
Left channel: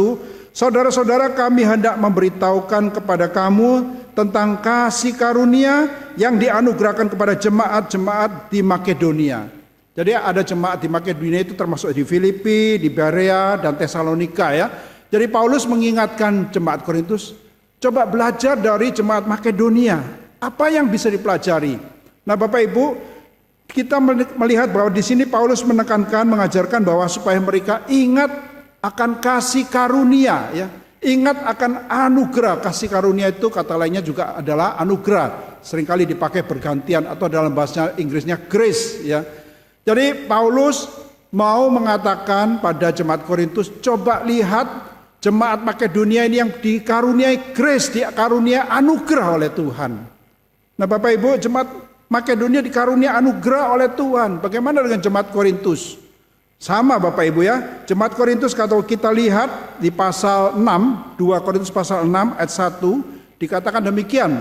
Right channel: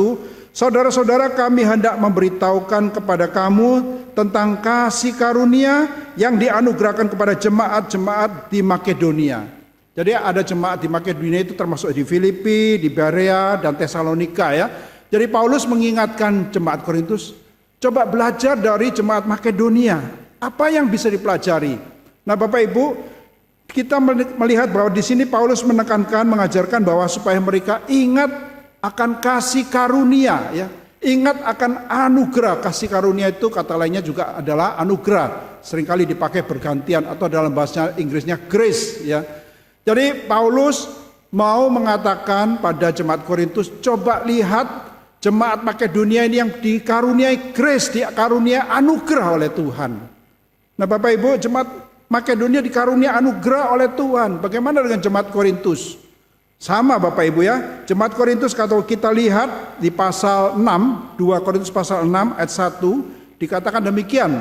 saudara-saudara kami hendak memberitahukan kepada kamu tentang kasih karunia yang dianugerahkan kepada jemaat-jemaat di Makedonia. Jadi ada jemaat di Makedonia itu termasuk di Filipi, di Berea, dan Tesalonika ya. Jadi Paulus mengingatkan jemaat Korintus, coba belajar dari jemaat Makedonia. Apa yang bisa dipelajari? Nah Bapak Ibu, kita melihat bahwa di sini Paulus menekankan, mengajarkan bahwa supaya mereka ingat akan kasih karunia ya. Ingat akan anugerah. Kasih karunia itu kata lainnya juga adalah anugerah. Seringkali dipakai bergantian atau dalam bahasa Inggrisnya grace ya. Jadi Paulus mau mengatakan pada jemaat Korintus, coba lihat jemaat Makedonia ini yang dikaruniai grace, dikaruniai anugerah oleh Tuhan. Nah Bapak Ibu, jemaat Makedonia dikaruniai anugerah oleh Tuhan. Bagaimana dengan jemaat Korintus? Sama Bapak Ibu ya. Jemaat Korintus kalau kita lihat di pasal 6, 2 Korintus pasal 6 ayat 1, dikatakan demikian.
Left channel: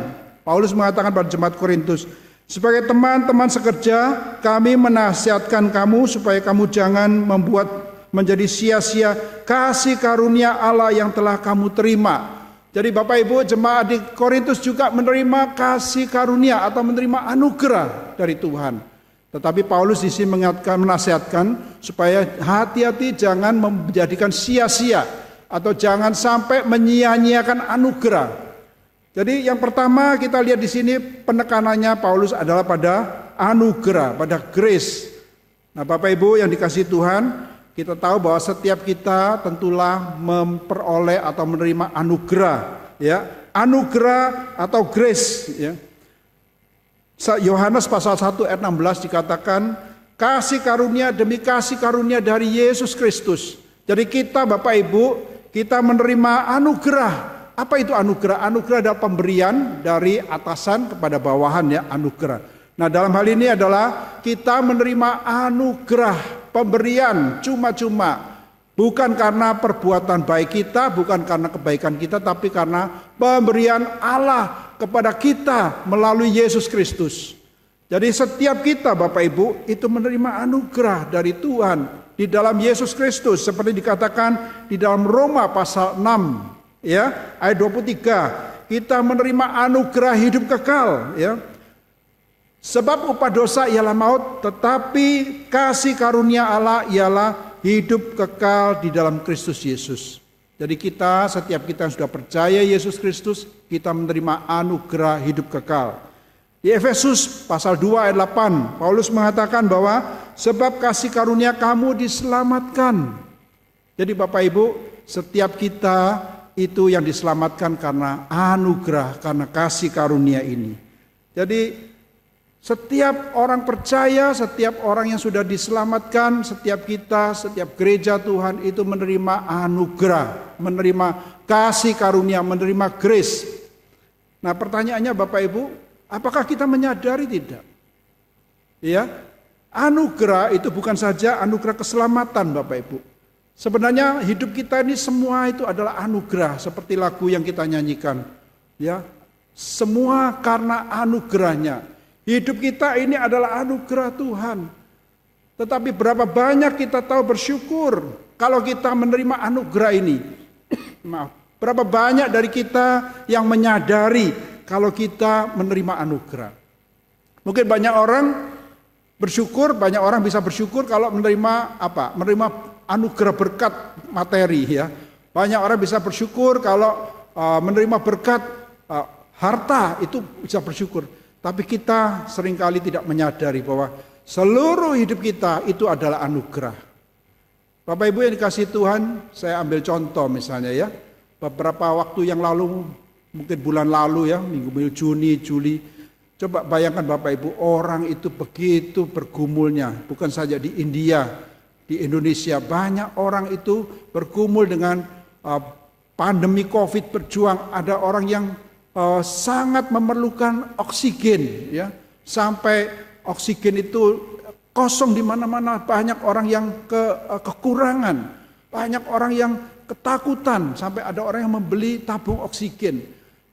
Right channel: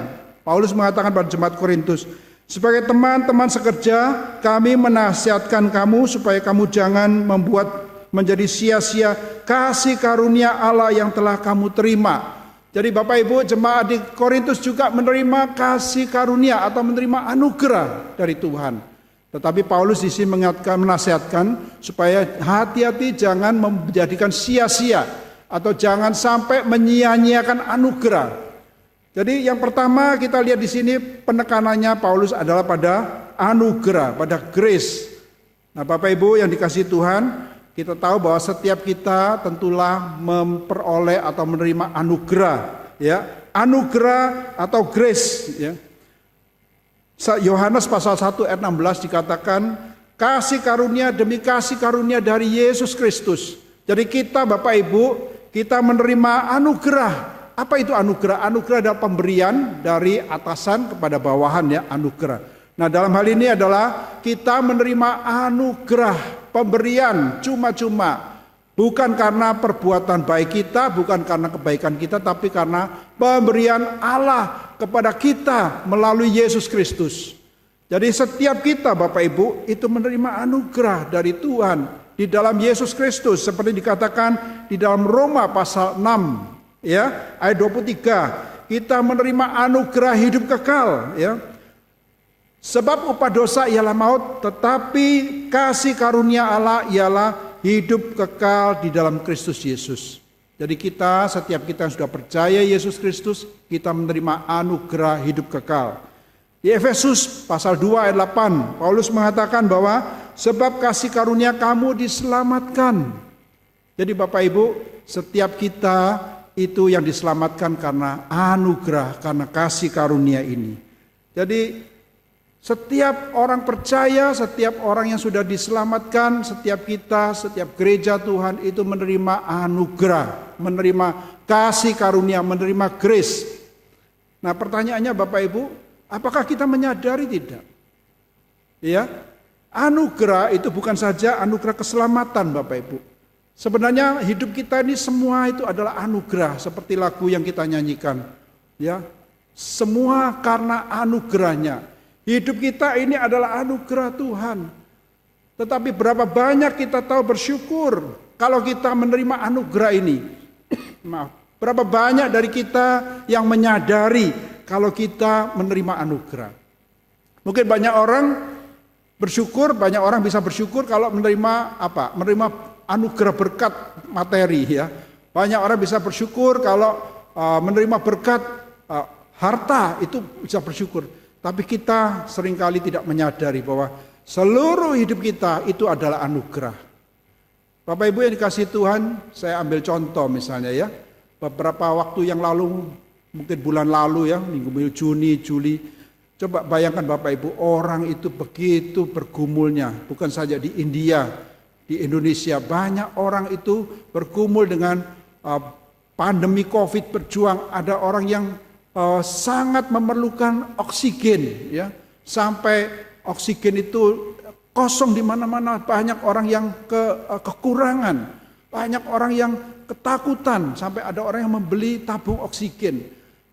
Paulus mengatakan pada jemaat Korintus, sebagai teman-teman sekerja, kami menasihatkan kamu supaya kamu jangan membuat menjadi sia-sia kasih karunia Allah yang telah kamu terima. Jadi Bapak Ibu, jemaat di Korintus juga menerima kasih karunia atau menerima anugerah dari Tuhan. Tetapi Paulus di sini menasihatkan supaya hati-hati jangan menjadikan sia-sia atau jangan sampai menyia-nyiakan anugerah. Jadi yang pertama kita lihat di sini penekanannya Paulus adalah pada anugerah, pada grace. Nah Bapak Ibu yang dikasihi Tuhan, kita tahu bahwa setiap kita tentulah memperoleh atau menerima anugerah, ya, anugerah atau grace, ya. Yohanes pasal 1 ayat 16 dikatakan kasih karunia demi kasih karunia dari Yesus Kristus. Jadi kita Bapak Ibu, kita menerima anugerah. Apa itu anugerah? Anugerah adalah pemberian dari atasan kepada bawahan ya, anugerah. Nah dalam hal ini adalah kita menerima anugerah, pemberian cuma-cuma. Bukan karena perbuatan baik kita, bukan karena kebaikan kita, tapi karena pemberian Allah kepada kita melalui Yesus Kristus. Jadi setiap kita Bapak Ibu itu menerima anugerah dari Tuhan di dalam Yesus Kristus. Seperti dikatakan di dalam Roma pasal 6 ya, ayat 23. Kita menerima anugerah hidup kekal ya. Sebab upah dosa ialah maut, tetapi kasih karunia Allah ialah hidup kekal di dalam Kristus Yesus. Jadi kita, setiap kita yang sudah percaya Yesus Kristus, kita menerima anugerah hidup kekal. Di Efesus pasal 2 ayat 8, Paulus mengatakan bahwa sebab kasih karunia kamu diselamatkan. Jadi Bapak Ibu, setiap kita itu yang diselamatkan karena anugerah, karena kasih karunia ini. Jadi setiap orang percaya, setiap orang yang sudah diselamatkan, setiap kita, setiap gereja Tuhan itu menerima anugerah, menerima kasih karunia, menerima grace. Nah pertanyaannya Bapak Ibu, apakah kita menyadari tidak? Ya, anugerah itu bukan saja anugerah keselamatan Bapak Ibu. Sebenarnya hidup kita ini semua itu adalah anugerah, seperti lagu yang kita nyanyikan. Ya, semua karena anugerahnya. Hidup kita ini adalah anugerah Tuhan. Tetapi berapa banyak kita tahu bersyukur kalau kita menerima anugerah ini. Maaf, berapa banyak dari kita yang menyadari kalau kita menerima anugerah. Mungkin banyak orang bersyukur, banyak orang bisa bersyukur kalau menerima apa? Menerima anugerah berkat materi ya. Banyak orang bisa bersyukur kalau menerima berkat harta, itu bisa bersyukur. Tapi kita seringkali tidak menyadari bahwa seluruh hidup kita itu adalah anugerah. Bapak Ibu yang dikasihi Tuhan, saya ambil contoh misalnya ya. Beberapa waktu yang lalu, mungkin bulan lalu ya, minggu Juni, Juli. Coba bayangkan Bapak Ibu, orang itu begitu bergumulnya. Bukan saja di India, di Indonesia. Banyak orang itu bergumul dengan pandemi COVID berjuang. Ada orang yang sangat memerlukan oksigen ya, sampai oksigen itu kosong di mana-mana. Banyak orang yang kekurangan, banyak orang yang ketakutan, sampai ada orang yang membeli tabung oksigen.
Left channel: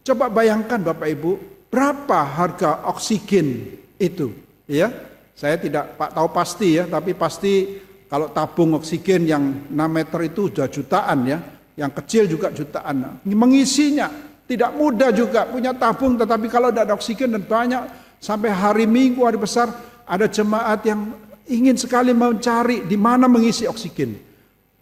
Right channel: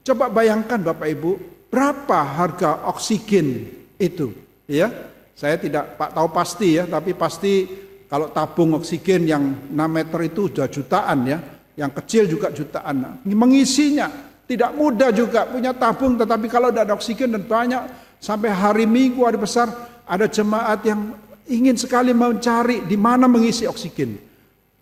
Coba bayangkan Bapak Ibu, berapa harga oksigen itu ya? Saya tidak tahu pasti ya, tapi pasti kalau tabung oksigen yang 6 meter itu sudah jutaan ya, yang kecil juga jutaan. Mengisinya tidak mudah juga, punya tabung, tetapi kalau tidak ada oksigen dan banyak, sampai hari Minggu, hari besar, ada jemaat yang ingin sekali mencari di mana mengisi oksigen.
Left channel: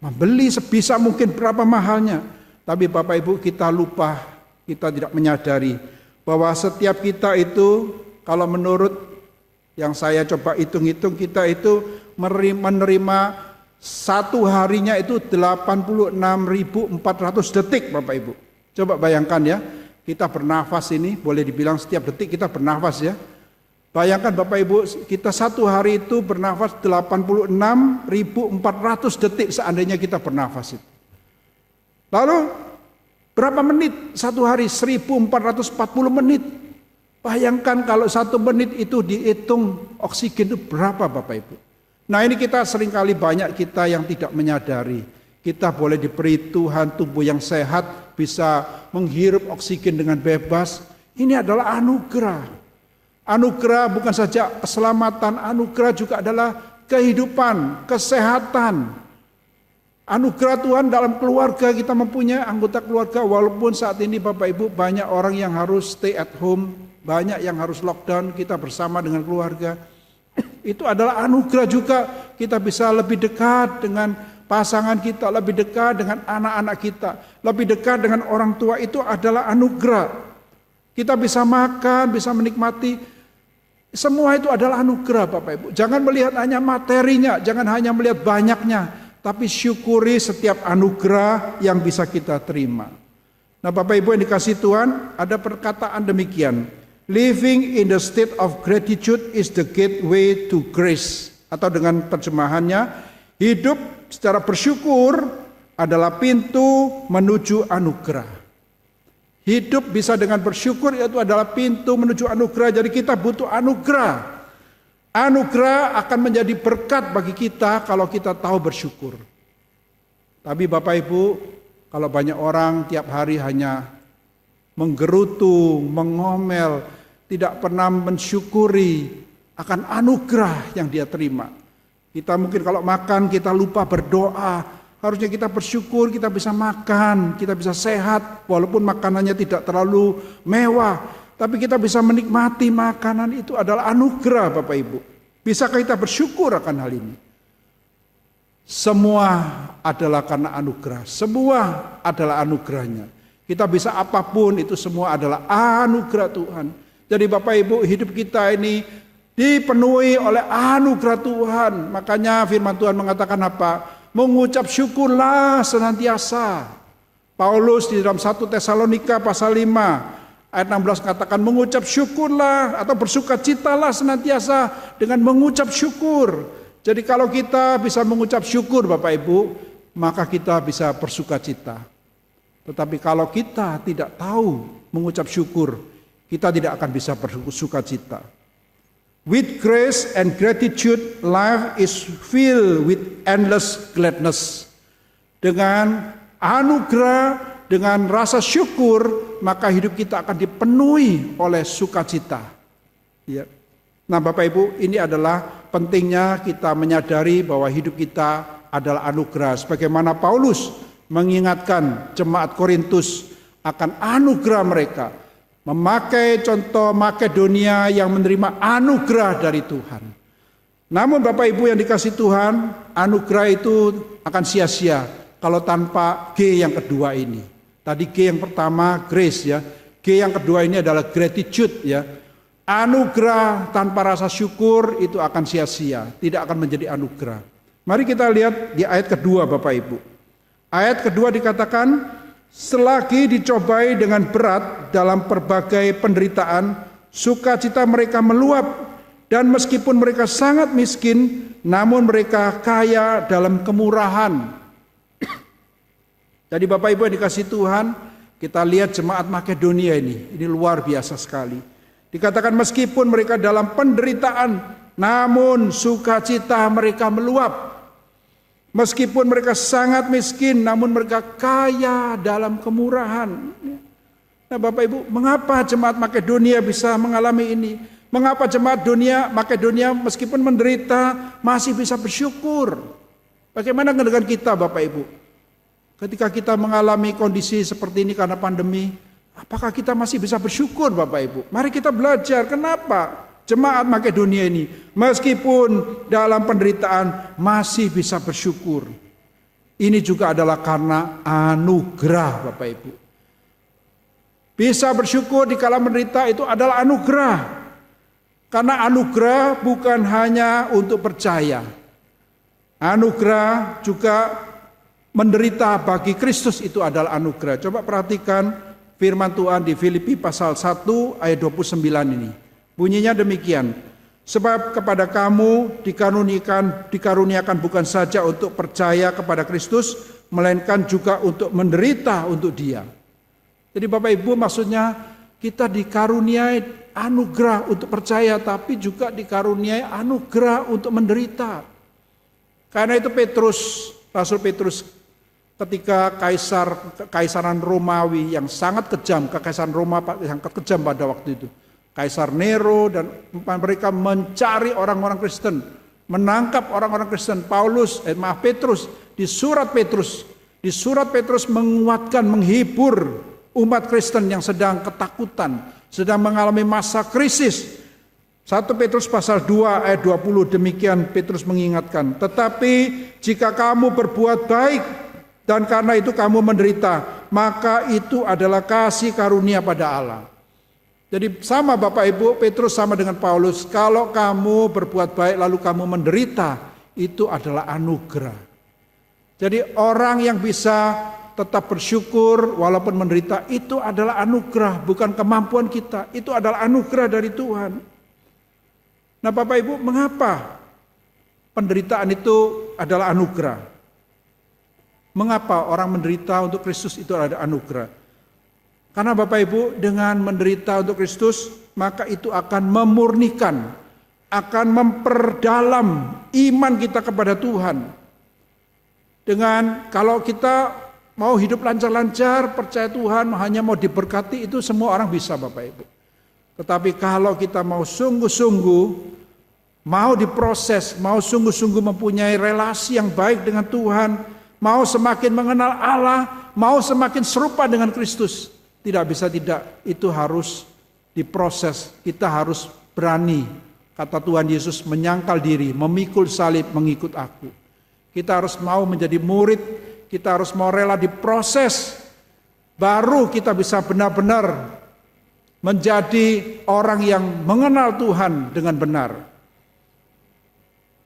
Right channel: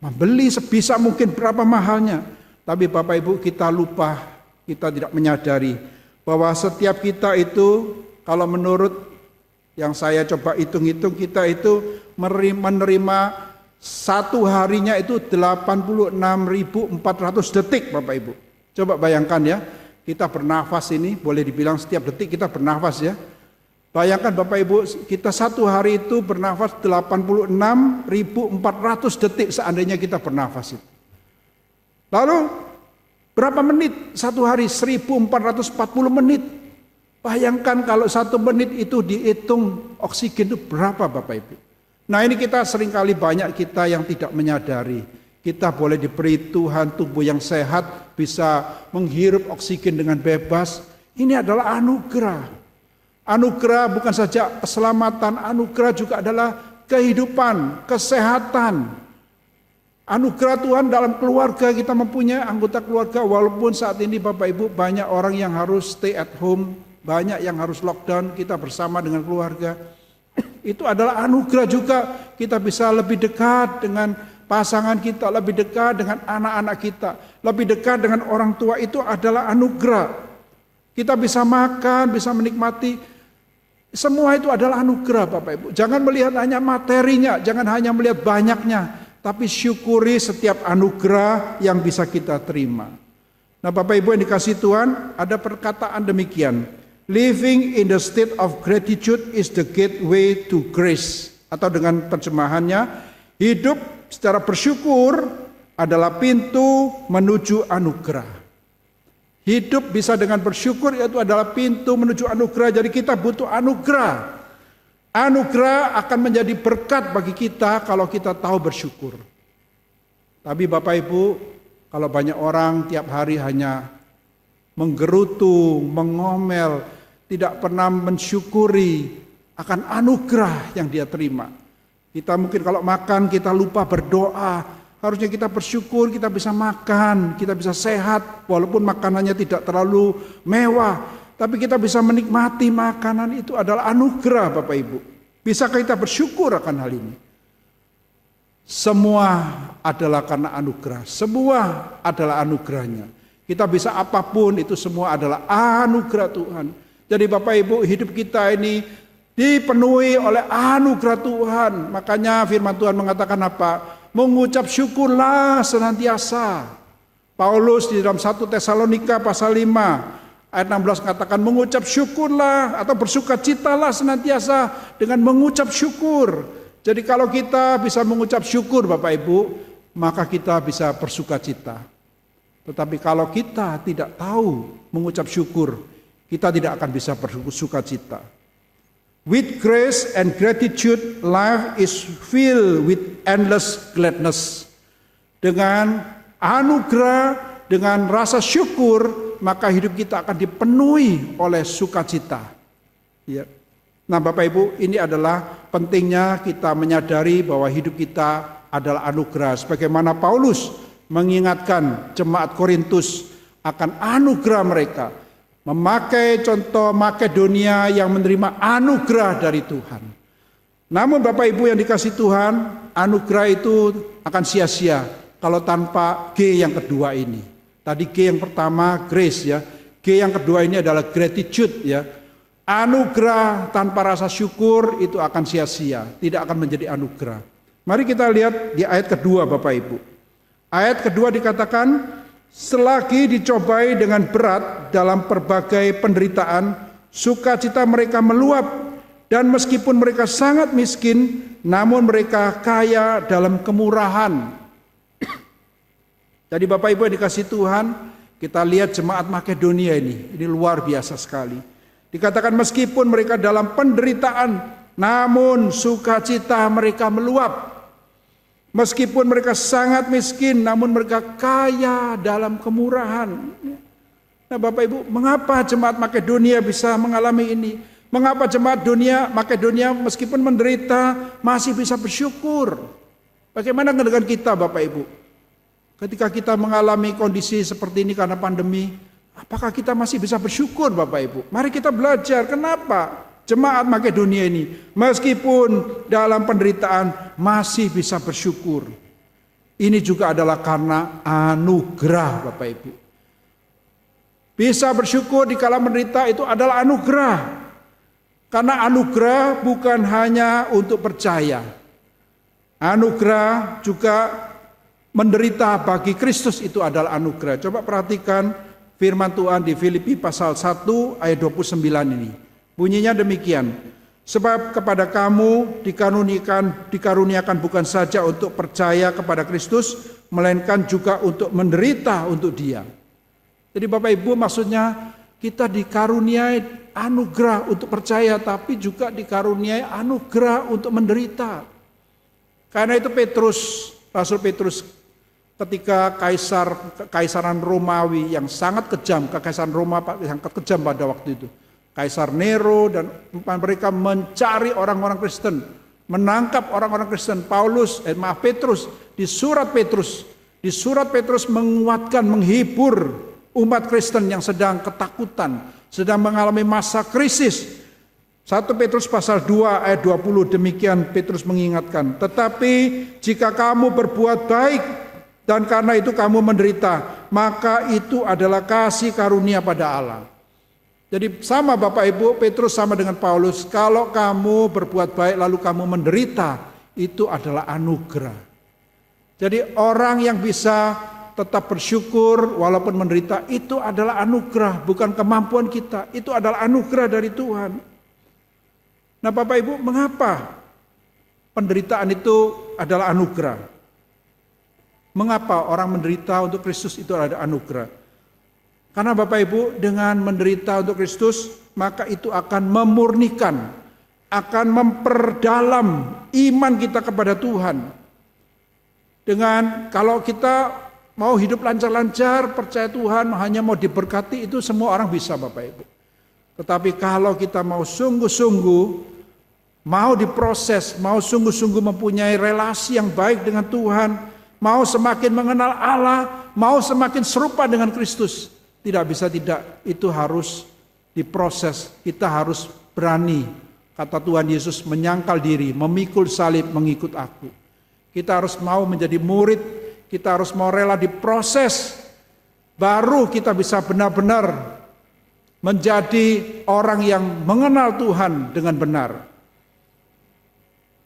Membeli sebisa mungkin berapa mahalnya. Tapi Bapak Ibu kita lupa, kita tidak menyadari bahwa setiap kita itu, kalau menurut yang saya coba hitung-hitung, kita itu menerima satu harinya itu 86.400 detik Bapak Ibu. Coba bayangkan ya, kita bernafas ini, boleh dibilang setiap detik kita bernafas ya. Bayangkan Bapak Ibu, kita satu hari itu bernafas 86.400 detik seandainya kita bernafas. Lalu berapa menit? Satu hari 1.440 menit. Bayangkan kalau 1 menit itu dihitung oksigen itu berapa Bapak Ibu. Nah ini kita seringkali banyak kita yang tidak menyadari. Kita boleh diberi Tuhan tubuh yang sehat, bisa menghirup oksigen dengan bebas. Ini adalah anugerah. Anugerah bukan saja keselamatan, anugerah juga adalah kehidupan, kesehatan. Anugerah Tuhan dalam keluarga, kita mempunyai anggota keluarga, walaupun saat ini Bapak Ibu banyak orang yang harus stay at home, banyak yang harus lockdown, kita bersama dengan keluarga. Itu adalah anugerah juga, kita bisa lebih dekat dengan pasangan kita, lebih dekat dengan anak-anak kita, lebih dekat dengan orang tua. Itu adalah anugerah. Kita bisa makan, bisa menikmati. Semua itu adalah anugerah Bapak Ibu. Jangan melihat hanya materinya, jangan hanya melihat banyaknya, tapi syukuri setiap anugerah yang bisa kita terima. Nah Bapak Ibu yang dikasihi Tuhan, ada perkataan demikian. Living in the state of gratitude is the gateway to grace. Atau dengan terjemahannya, hidup secara bersyukur adalah pintu menuju anugerah. Hidup bisa dengan bersyukur, itu adalah pintu menuju anugerah. Jadi kita butuh anugerah. Anugerah akan menjadi berkat bagi kita kalau kita tahu bersyukur. Tapi Bapak Ibu, kalau banyak orang tiap hari hanya menggerutu, mengomel, tidak pernah mensyukuri akan anugerah yang dia terima. Kita mungkin kalau makan kita lupa berdoa. Harusnya kita bersyukur kita bisa makan, kita bisa sehat. Walaupun makanannya tidak terlalu mewah, tapi kita bisa menikmati makanan. Itu adalah anugerah Bapak Ibu. Bisakah kita bersyukur akan hal ini? Semua adalah karena anugerah. Semua adalah anugerahnya. Kita bisa apapun, itu semua adalah anugerah Tuhan. Jadi Bapak Ibu, hidup kita ini dipenuhi oleh anugerah Tuhan. Makanya firman Tuhan mengatakan apa? Mengucap syukurlah senantiasa. Paulus di dalam 1 Tesalonika pasal 5 ayat 16 katakan mengucap syukurlah atau bersukacitalah senantiasa dengan mengucap syukur. Jadi kalau kita bisa mengucap syukur Bapak Ibu, maka kita bisa bersukacita. Tetapi kalau kita tidak tahu mengucap syukur, kita tidak akan bisa bersukacita. With grace and gratitude, life is filled with endless gladness. Dengan anugerah, dengan rasa syukur, maka hidup kita akan dipenuhi oleh sukacita. Ya. Nah Bapak Ibu, ini adalah pentingnya kita menyadari bahwa hidup kita adalah anugerah. Sebagaimana Paulus mengingatkan jemaat Korintus akan anugerah mereka. Memakai contoh Makedonia yang menerima anugerah dari Tuhan. Namun Bapak Ibu yang dikasihi Tuhan, anugerah itu akan sia-sia kalau tanpa G yang kedua ini. Tadi G yang pertama grace ya, G yang kedua ini adalah gratitude ya. Anugerah tanpa rasa syukur itu akan sia-sia, tidak akan menjadi anugerah. Mari kita lihat di ayat kedua Bapak Ibu. Ayat kedua dikatakan, selagi dicobai dengan berat dalam berbagai penderitaan, sukacita mereka meluap, dan meskipun mereka sangat miskin, namun mereka kaya dalam kemurahan. Jadi Bapak Ibu yang dikasihi Tuhan, kita lihat jemaat Makedonia ini luar biasa sekali. Dikatakan meskipun mereka dalam penderitaan, namun sukacita mereka meluap. Meskipun mereka sangat miskin, namun mereka kaya dalam kemurahan. Nah Bapak Ibu, mengapa jemaat Makedonia bisa mengalami ini? Mengapa jemaat Makedonia meskipun menderita masih bisa bersyukur? Bagaimana dengan kita Bapak Ibu? Ketika kita mengalami kondisi seperti ini karena pandemi, apakah kita masih bisa bersyukur Bapak Ibu? Mari kita belajar kenapa jemaat Makedonia ini meskipun dalam penderitaan masih bisa bersyukur. Ini juga adalah karena anugerah Bapak Ibu. Bisa bersyukur di kala menderita itu adalah anugerah. Karena anugerah bukan hanya untuk percaya. Anugerah juga menderita bagi Kristus itu adalah anugerah. Coba perhatikan firman Tuhan di Filipi pasal 1 ayat 29 ini. Bunyinya demikian. Sebab kepada kamu dikaruniakan bukan saja untuk percaya kepada Kristus, melainkan juga untuk menderita untuk Dia. Jadi Bapak Ibu, maksudnya kita dikaruniai anugerah untuk percaya, tapi juga dikaruniai anugerah untuk menderita. Karena itu Rasul Petrus ketika kekaisaran Romawi yang sangat kejam, kekaisaran Roma yang kejam pada waktu itu, Kaisar Nero dan mereka mencari orang-orang Kristen, menangkap orang-orang Kristen. Petrus di surat Petrus menguatkan, menghibur umat Kristen yang sedang ketakutan, sedang mengalami masa krisis. 1 Petrus pasal 2 ayat 20 demikian Petrus mengingatkan, tetapi jika kamu berbuat baik dan karena itu kamu menderita, maka itu adalah kasih karunia pada Allah. Jadi sama Bapak Ibu, Petrus sama dengan Paulus, kalau kamu berbuat baik lalu kamu menderita, itu adalah anugerah. Jadi orang yang bisa tetap bersyukur walaupun menderita itu adalah anugerah, bukan kemampuan kita, itu adalah anugerah dari Tuhan. Nah Bapak Ibu, mengapa penderitaan itu adalah anugerah? Mengapa orang menderita untuk Kristus itu adalah anugerah? Karena Bapak Ibu, dengan menderita untuk Kristus, maka itu akan memurnikan, akan memperdalam iman kita kepada Tuhan. Dengan kalau kita mau hidup lancar-lancar, percaya Tuhan, hanya mau diberkati, itu semua orang bisa Bapak Ibu. Tetapi kalau kita mau sungguh-sungguh, mau diproses, mau sungguh-sungguh mempunyai relasi yang baik dengan Tuhan, mau semakin mengenal Allah, mau semakin serupa dengan Kristus, tidak bisa tidak, itu harus diproses. Kita harus berani, kata Tuhan Yesus, menyangkal diri, memikul salib, mengikut aku. Kita harus mau menjadi murid, kita harus mau rela diproses, baru kita bisa benar-benar menjadi orang yang mengenal Tuhan dengan benar.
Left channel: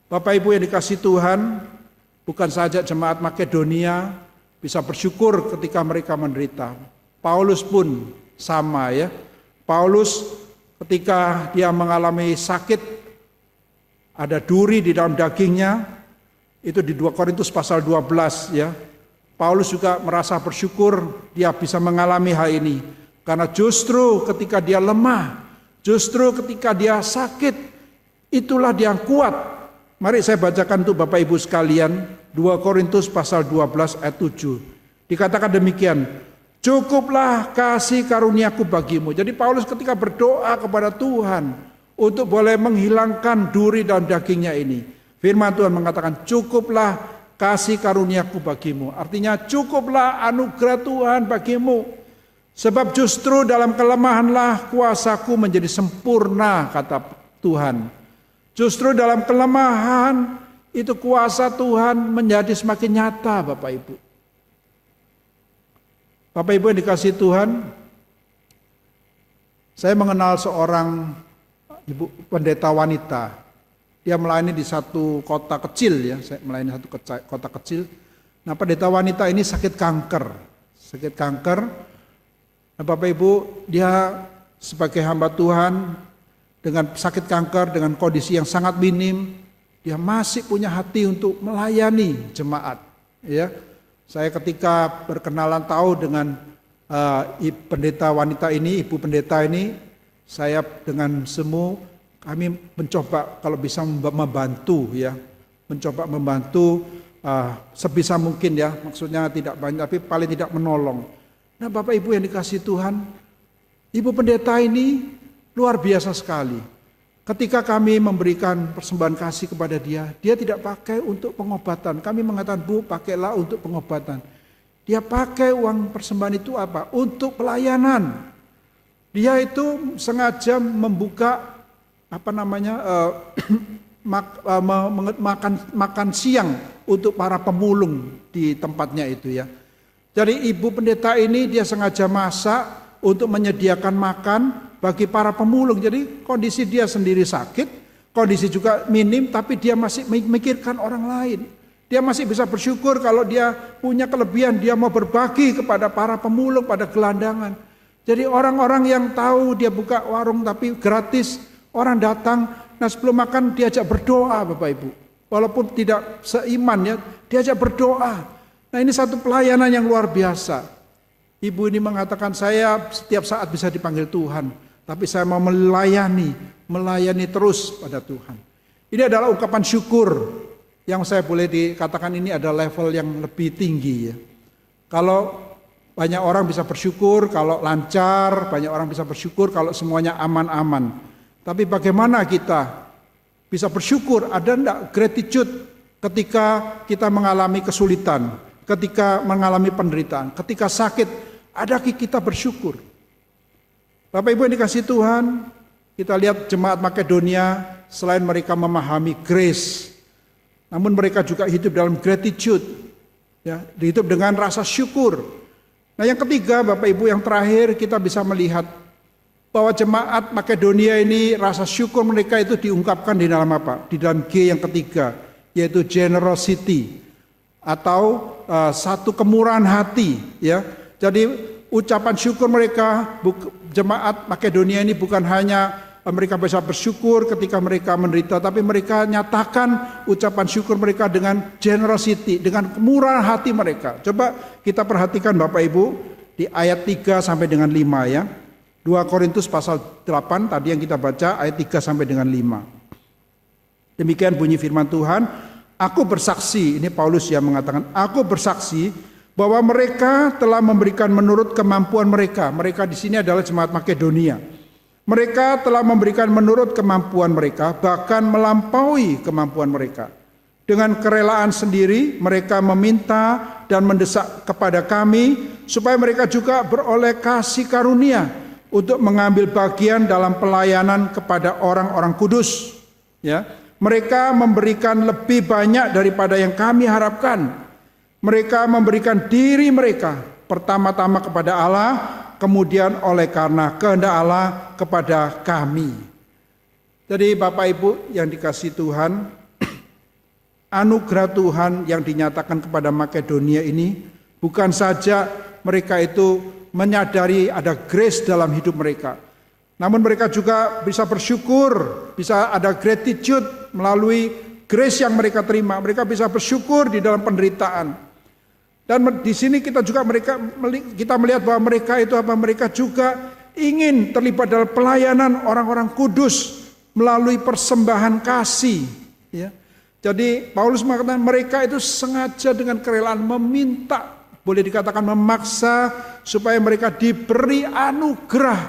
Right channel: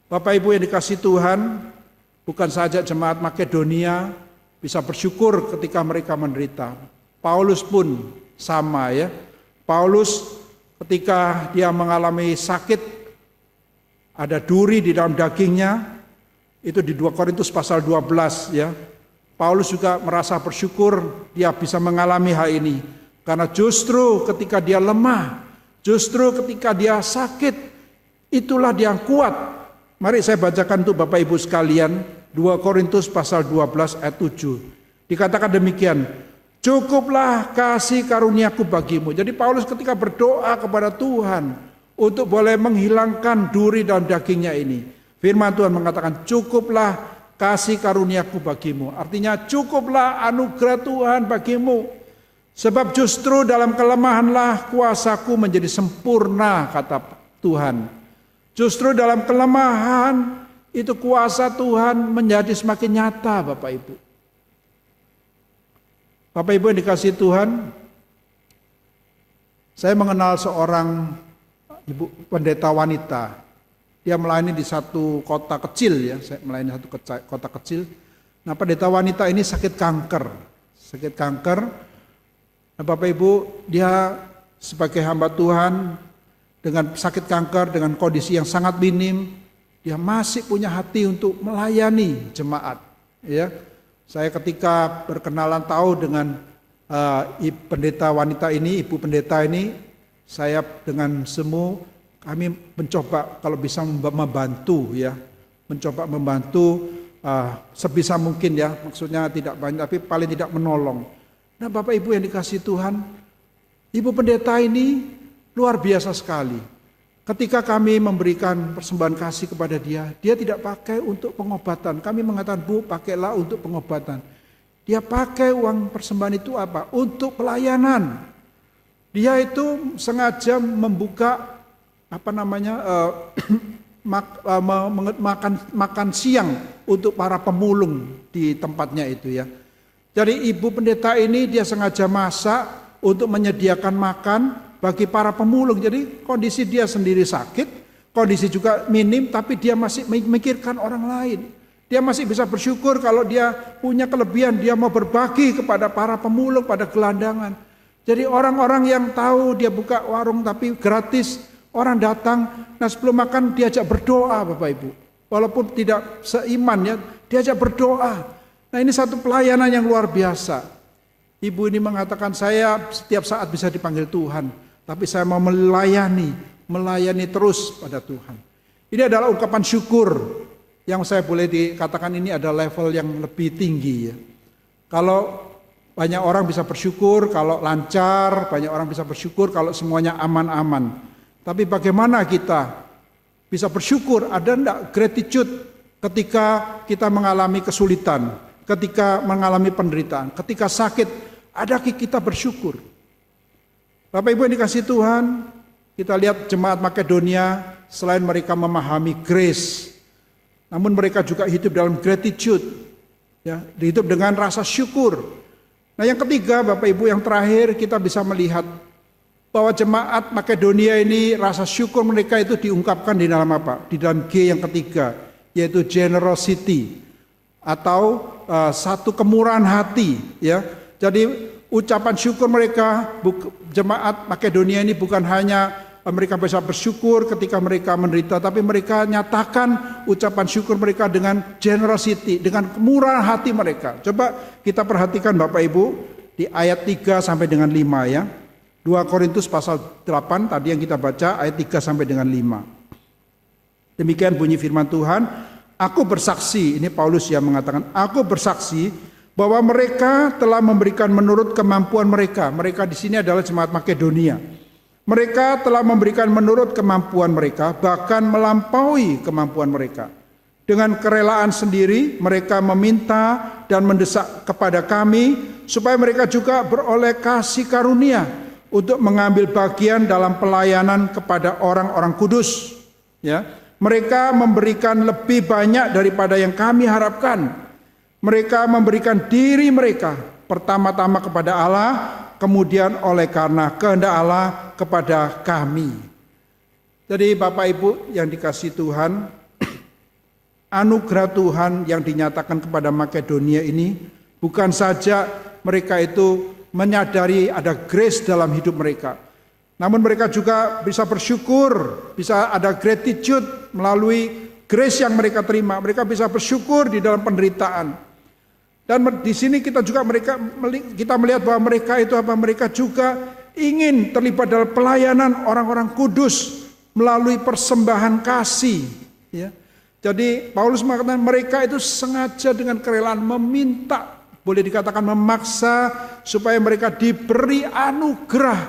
Bapak Ibu yang dikasihi Tuhan, bukan saja jemaat Makedonia bisa bersyukur ketika mereka menderita. Paulus pun sama ya. Paulus ketika dia mengalami sakit, ada duri di dalam dagingnya, itu di 2 Korintus pasal 12 ya. Paulus juga merasa bersyukur dia bisa mengalami hal ini. Karena justru ketika dia lemah, justru ketika dia sakit, itulah dia yang kuat. Mari saya bacakan untuk Bapak Ibu sekalian, 2 Korintus pasal 12 ayat 7. Dikatakan demikian, cukuplah kasih karuniaku bagimu. Jadi Paulus ketika berdoa kepada Tuhan untuk boleh menghilangkan duri dalam dagingnya ini, firman Tuhan mengatakan cukuplah kasih karuniaku bagimu. Artinya cukuplah anugerah Tuhan bagimu. Sebab justru dalam kelemahanlah kuasaku menjadi sempurna, kata Tuhan. Justru dalam kelemahan itu kuasa Tuhan menjadi semakin nyata Bapak Ibu. Bapak Ibu yang dikasihi Tuhan, saya mengenal seorang ibu pendeta wanita. Dia melayani di satu kota kecil ya, saya melayani satu kota kecil. Nah, pendeta wanita ini sakit kanker. Nah, Bapak Ibu, dia sebagai hamba Tuhan dengan sakit kanker, dengan kondisi yang sangat minim, dia masih punya hati untuk melayani jemaat. Ya, saya ketika berkenalan tahu dengan pendeta wanita ini, ibu pendeta ini, saya dengan semu kami mencoba kalau bisa membantu ya, mencoba membantu sebisa mungkin ya, maksudnya tidak banyak tapi paling tidak menolong. Nah, Bapak Ibu yang dikasihi Tuhan, ibu pendeta ini luar biasa sekali. Ketika kami memberikan persembahan kasih kepada dia, dia tidak pakai untuk pengobatan. Kami mengatakan, Bu, pakailah untuk pengobatan. Dia pakai uang persembahan itu apa? Untuk pelayanan. Dia itu sengaja membuka makan siang untuk para pemulung di tempatnya itu ya. Jadi ibu pendeta ini dia sengaja masak untuk menyediakan makan bagi para pemulung. Jadi kondisi dia sendiri sakit, kondisi juga minim, tapi dia masih memikirkan orang lain. Dia masih bisa bersyukur kalau dia punya kelebihan, dia mau berbagi kepada para pemulung, pada gelandangan. Jadi orang-orang yang tahu dia buka warung tapi gratis, orang datang, nah sebelum makan diajak berdoa Bapak Ibu. Walaupun tidak seiman ya, diajak berdoa. Nah ini satu pelayanan yang luar biasa. Ibu ini mengatakan, saya setiap saat bisa dipanggil Tuhan, tapi saya mau melayani terus pada Tuhan. Ini adalah ungkapan syukur yang saya boleh dikatakan ini ada level yang lebih tinggi ya. Kalau banyak orang bisa bersyukur kalau lancar, banyak orang bisa bersyukur kalau semuanya aman-aman. Tapi bagaimana kita bisa bersyukur? Ada enggak gratitude ketika kita mengalami kesulitan, ketika mengalami penderitaan, ketika sakit, adakah kita bersyukur? Bapak Ibu yang dikasihi Tuhan, kita lihat jemaat Makedonia, selain mereka memahami grace, namun mereka juga hidup dalam gratitude, ya, hidup dengan rasa syukur. Nah yang ketiga Bapak Ibu, yang terakhir kita bisa melihat bahwa jemaat Makedonia ini rasa syukur mereka itu diungkapkan di dalam apa? Di dalam G yang ketiga, yaitu generosity atau satu kemurahan hati ya. Jadi ucapan syukur mereka, jemaat Makedonia ini bukan hanya mereka bisa bersyukur ketika mereka menderita, tapi mereka nyatakan ucapan syukur mereka dengan generosity, dengan kemurahan hati mereka. Coba kita perhatikan Bapak Ibu di ayat 3 sampai dengan 5 ya. 2 Korintus pasal 8 tadi yang kita baca ayat 3 sampai dengan 5. Demikian bunyi firman Tuhan, aku bersaksi, ini Paulus yang mengatakan, aku bersaksi bahwa mereka telah memberikan menurut kemampuan mereka. Mereka di sini adalah jemaat Makedonia. Mereka telah memberikan menurut kemampuan mereka, bahkan melampaui kemampuan mereka. Dengan kerelaan sendiri, mereka meminta dan mendesak kepada kami supaya mereka juga beroleh kasih karunia untuk mengambil bagian dalam pelayanan kepada orang-orang kudus. Ya, mereka memberikan lebih banyak daripada yang kami harapkan. Mereka memberikan diri mereka pertama-tama kepada Allah, kemudian oleh karena kehendak Allah kepada kami. Jadi Bapak Ibu yang dikasihi Tuhan, anugerah Tuhan yang dinyatakan kepada Makedonia ini bukan saja mereka itu menyadari ada grace dalam hidup mereka, namun mereka juga bisa bersyukur, bisa ada gratitude melalui grace yang mereka terima. Mereka bisa bersyukur di dalam penderitaan. Dan di sini kita melihat bahwa mereka itu apa? Mereka juga ingin terlibat dalam pelayanan orang-orang kudus melalui persembahan kasih. Ya. Jadi Paulus mengatakan mereka itu sengaja dengan kerelaan meminta, boleh dikatakan memaksa supaya mereka diberi anugerah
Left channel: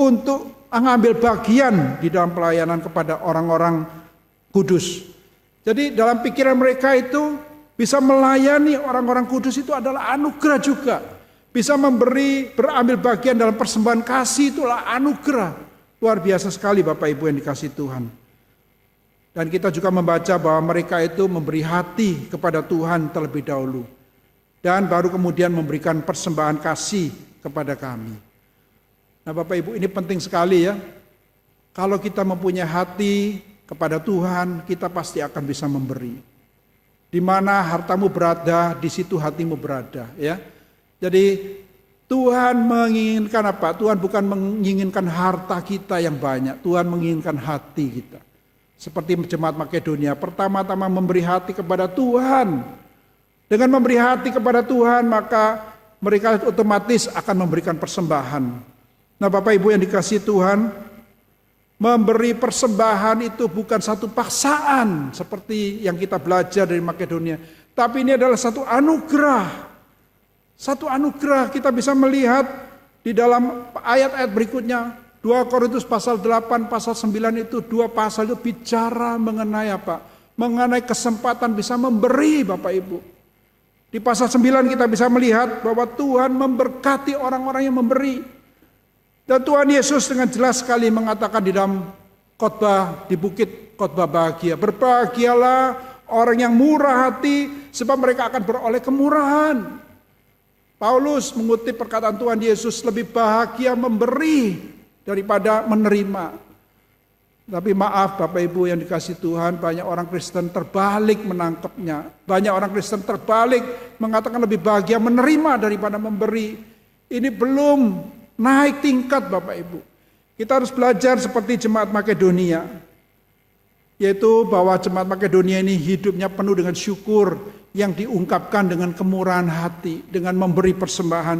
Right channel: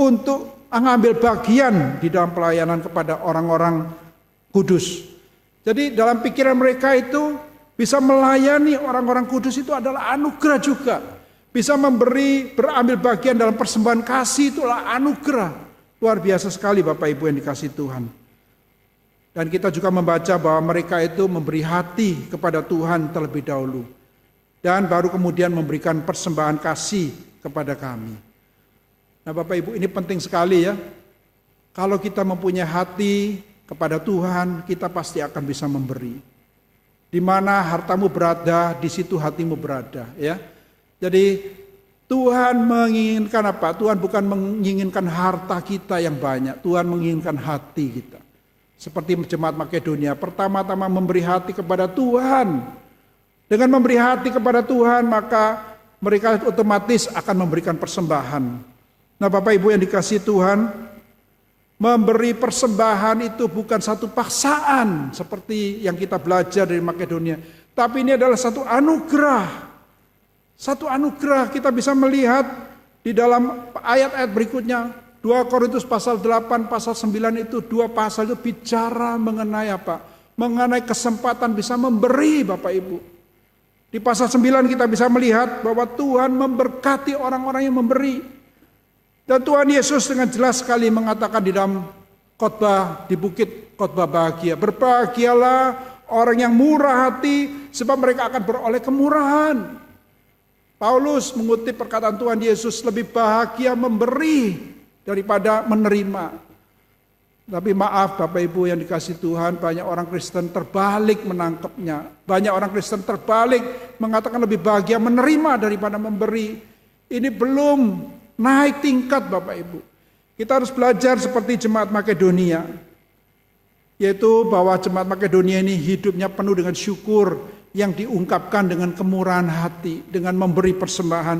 untuk mengambil bagian di dalam pelayanan kepada orang-orang kudus. Jadi dalam pikiran mereka itu bisa melayani orang-orang kudus itu adalah anugerah juga. Bisa berambil bagian dalam persembahan kasih itulah anugerah. Luar biasa sekali Bapak Ibu yang dikasihi Tuhan. Dan kita juga membaca bahwa mereka itu memberi hati kepada Tuhan terlebih dahulu. Dan baru kemudian memberikan persembahan kasih kepada kami. Nah Bapak Ibu, ini penting sekali ya. Kalau kita mempunyai hati kepada Tuhan, kita pasti akan bisa memberi. Di mana hartamu berada, di situ hatimu berada, ya. Jadi Tuhan menginginkan apa? Tuhan bukan menginginkan harta kita yang banyak, Tuhan menginginkan hati kita. Seperti jemaat Makedonia, pertama-tama memberi hati kepada Tuhan. Dengan memberi hati kepada Tuhan, maka mereka otomatis akan memberikan persembahan. Nah, Bapak Ibu yang dikasihi Tuhan, memberi persembahan itu bukan satu paksaan seperti yang kita belajar dari Makedonia. Tapi ini adalah satu anugerah. Satu anugerah. Kita bisa melihat di dalam ayat-ayat berikutnya. 2 Korintus pasal 8, pasal 9 itu, 2 pasal itu bicara mengenai apa? Mengenai kesempatan bisa memberi, Bapak Ibu. Di pasal 9 kita bisa melihat bahwa Tuhan memberkati orang-orang yang memberi. Dan Tuhan Yesus dengan jelas sekali mengatakan di dalam khotbah di bukit khotbah bahagia. Berbahagialah orang yang murah hati sebab mereka akan beroleh kemurahan. Paulus mengutip perkataan Tuhan Yesus, lebih bahagia memberi daripada menerima. Tapi maaf Bapak Ibu yang dikasihi Tuhan, banyak orang Kristen terbalik menangkapnya. Banyak orang Kristen terbalik mengatakan lebih bahagia menerima daripada memberi. Ini belum naik tingkat Bapak Ibu. Kita harus belajar seperti jemaat Makedonia. Yaitu bahwa jemaat Makedonia ini hidupnya penuh dengan syukur yang diungkapkan dengan kemurahan hati, dengan memberi persembahan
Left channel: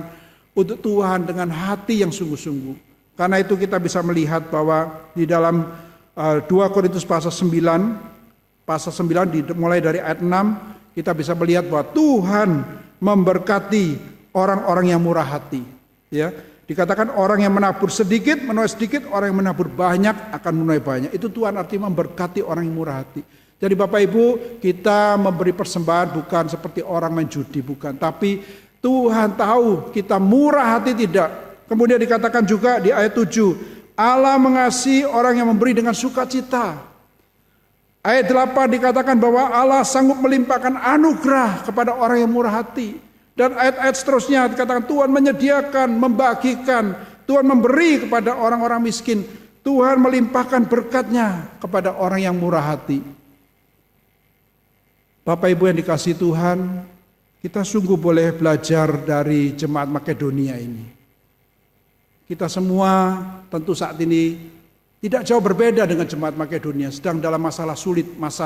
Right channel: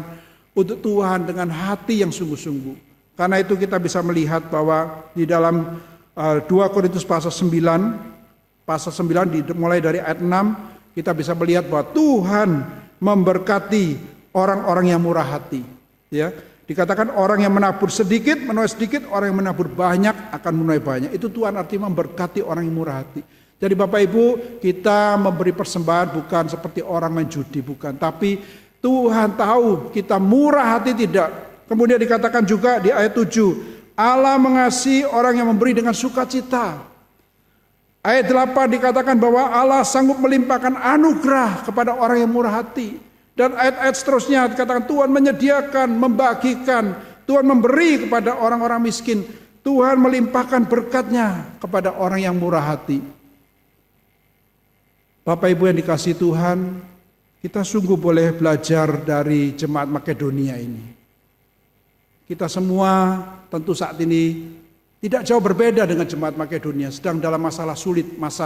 untuk Tuhan dengan hati yang sungguh-sungguh. Karena itu kita bisa melihat bahwa di dalam 2 Korintus pasal 9, mulai dari ayat 6, kita bisa melihat bahwa Tuhan memberkati orang-orang yang murah hati. Ya, dikatakan orang yang menabur sedikit menuai sedikit, orang yang menabur banyak akan menuai banyak. Itu Tuhan artinya memberkati orang yang murah hati. Jadi Bapak Ibu, kita memberi persembahan bukan seperti orang main judi, bukan. Tapi Tuhan tahu kita murah hati tidak. Kemudian dikatakan juga di ayat 7, Allah mengasihi orang yang memberi dengan sukacita. Ayat 8 dikatakan bahwa Allah sanggup melimpahkan anugerah kepada orang yang murah hati. Dan ayat-ayat seterusnya dikatakan Tuhan menyediakan, membagikan, Tuhan memberi kepada orang-orang miskin. Tuhan melimpahkan berkatnya kepada orang yang murah hati. Bapak Ibu yang dikasihi Tuhan, kita sungguh boleh belajar dari jemaat Makedonia ini. Kita semua tentu saat ini tidak jauh berbeda dengan jemaat Makedonia, sedang dalam masa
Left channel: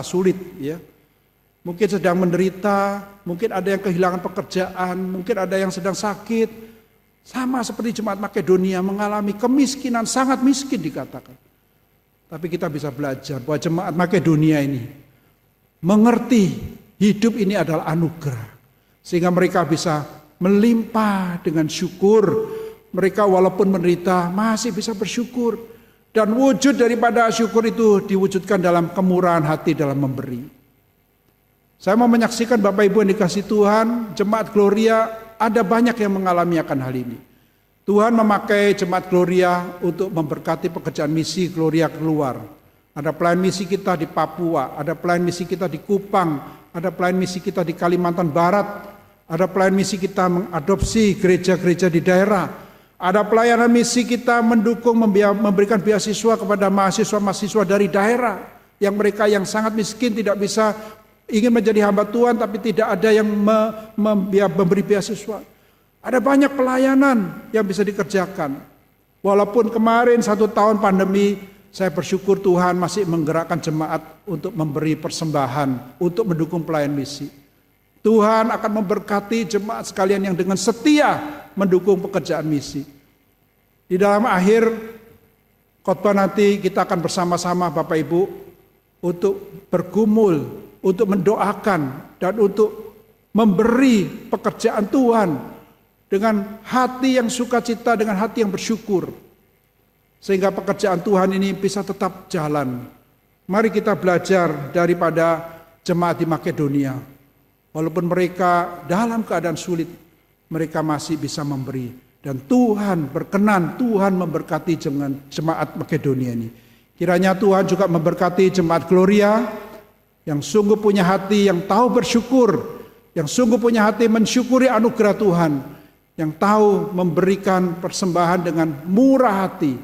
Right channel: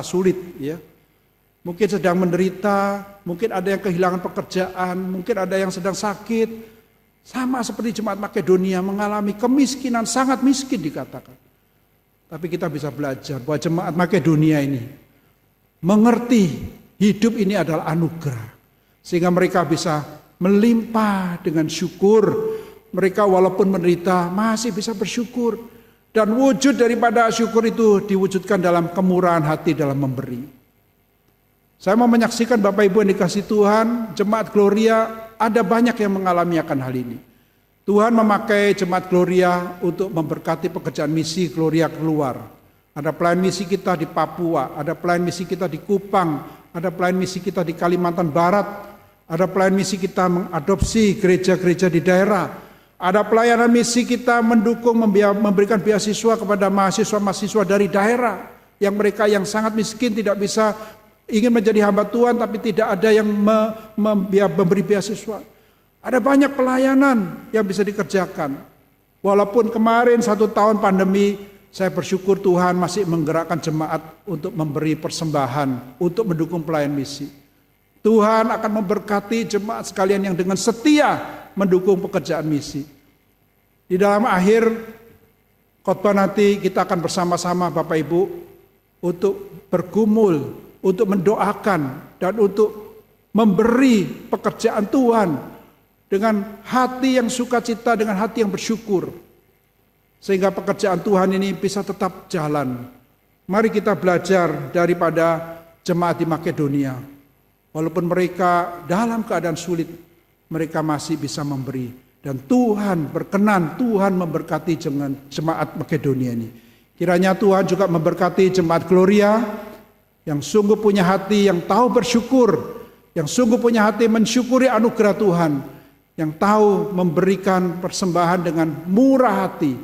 sulit ya. Mungkin sedang menderita, mungkin ada yang kehilangan pekerjaan, mungkin ada yang sedang sakit. Sama seperti jemaat Makedonia mengalami kemiskinan, sangat miskin dikatakan. Tapi kita bisa belajar bahwa jemaat Makedonia ini mengerti hidup ini adalah anugerah. Sehingga mereka bisa melimpah dengan syukur. Mereka walaupun menderita masih bisa bersyukur. Dan wujud daripada syukur itu diwujudkan dalam kemurahan hati dalam memberi. Saya mau menyaksikan Bapak Ibu yang dikasihi Tuhan, jemaat Gloria ada banyak yang mengalami akan hal ini. Tuhan memakai jemaat Gloria untuk memberkati pekerjaan misi Gloria keluar. Ada pelayan misi kita di Papua, ada pelayan misi kita di Kupang, ada pelayan misi kita di Kalimantan Barat, ada pelayan misi kita mengadopsi gereja-gereja di daerah, ada pelayanan misi kita mendukung memberikan beasiswa kepada mahasiswa-mahasiswa dari daerah yang mereka yang sangat miskin tidak bisa ingin menjadi hamba Tuhan tapi tidak ada yang memberi beasiswa. Ada banyak pelayanan yang bisa dikerjakan. Walaupun kemarin 1 tahun pandemi, saya bersyukur Tuhan masih menggerakkan jemaat untuk memberi persembahan, untuk mendukung pelayan misi. Tuhan akan memberkati jemaat sekalian yang dengan setia mendukung pekerjaan misi. Di dalam akhir khotbah nanti kita akan bersama-sama Bapak Ibu untuk bergumul, untuk mendoakan dan untuk memberi pekerjaan Tuhan dengan hati yang sukacita, dengan hati yang bersyukur. Sehingga pekerjaan Tuhan ini bisa tetap jalan. Mari kita belajar daripada jemaat di Makedonia. Walaupun mereka dalam keadaan sulit, mereka masih bisa memberi. Dan Tuhan berkenan, Tuhan memberkati jemaat Makedonia ini. Kiranya Tuhan juga memberkati jemaat Gloria yang sungguh punya hati, yang tahu bersyukur, yang sungguh punya hati mensyukuri anugerah Tuhan, yang tahu memberikan persembahan dengan murah hati.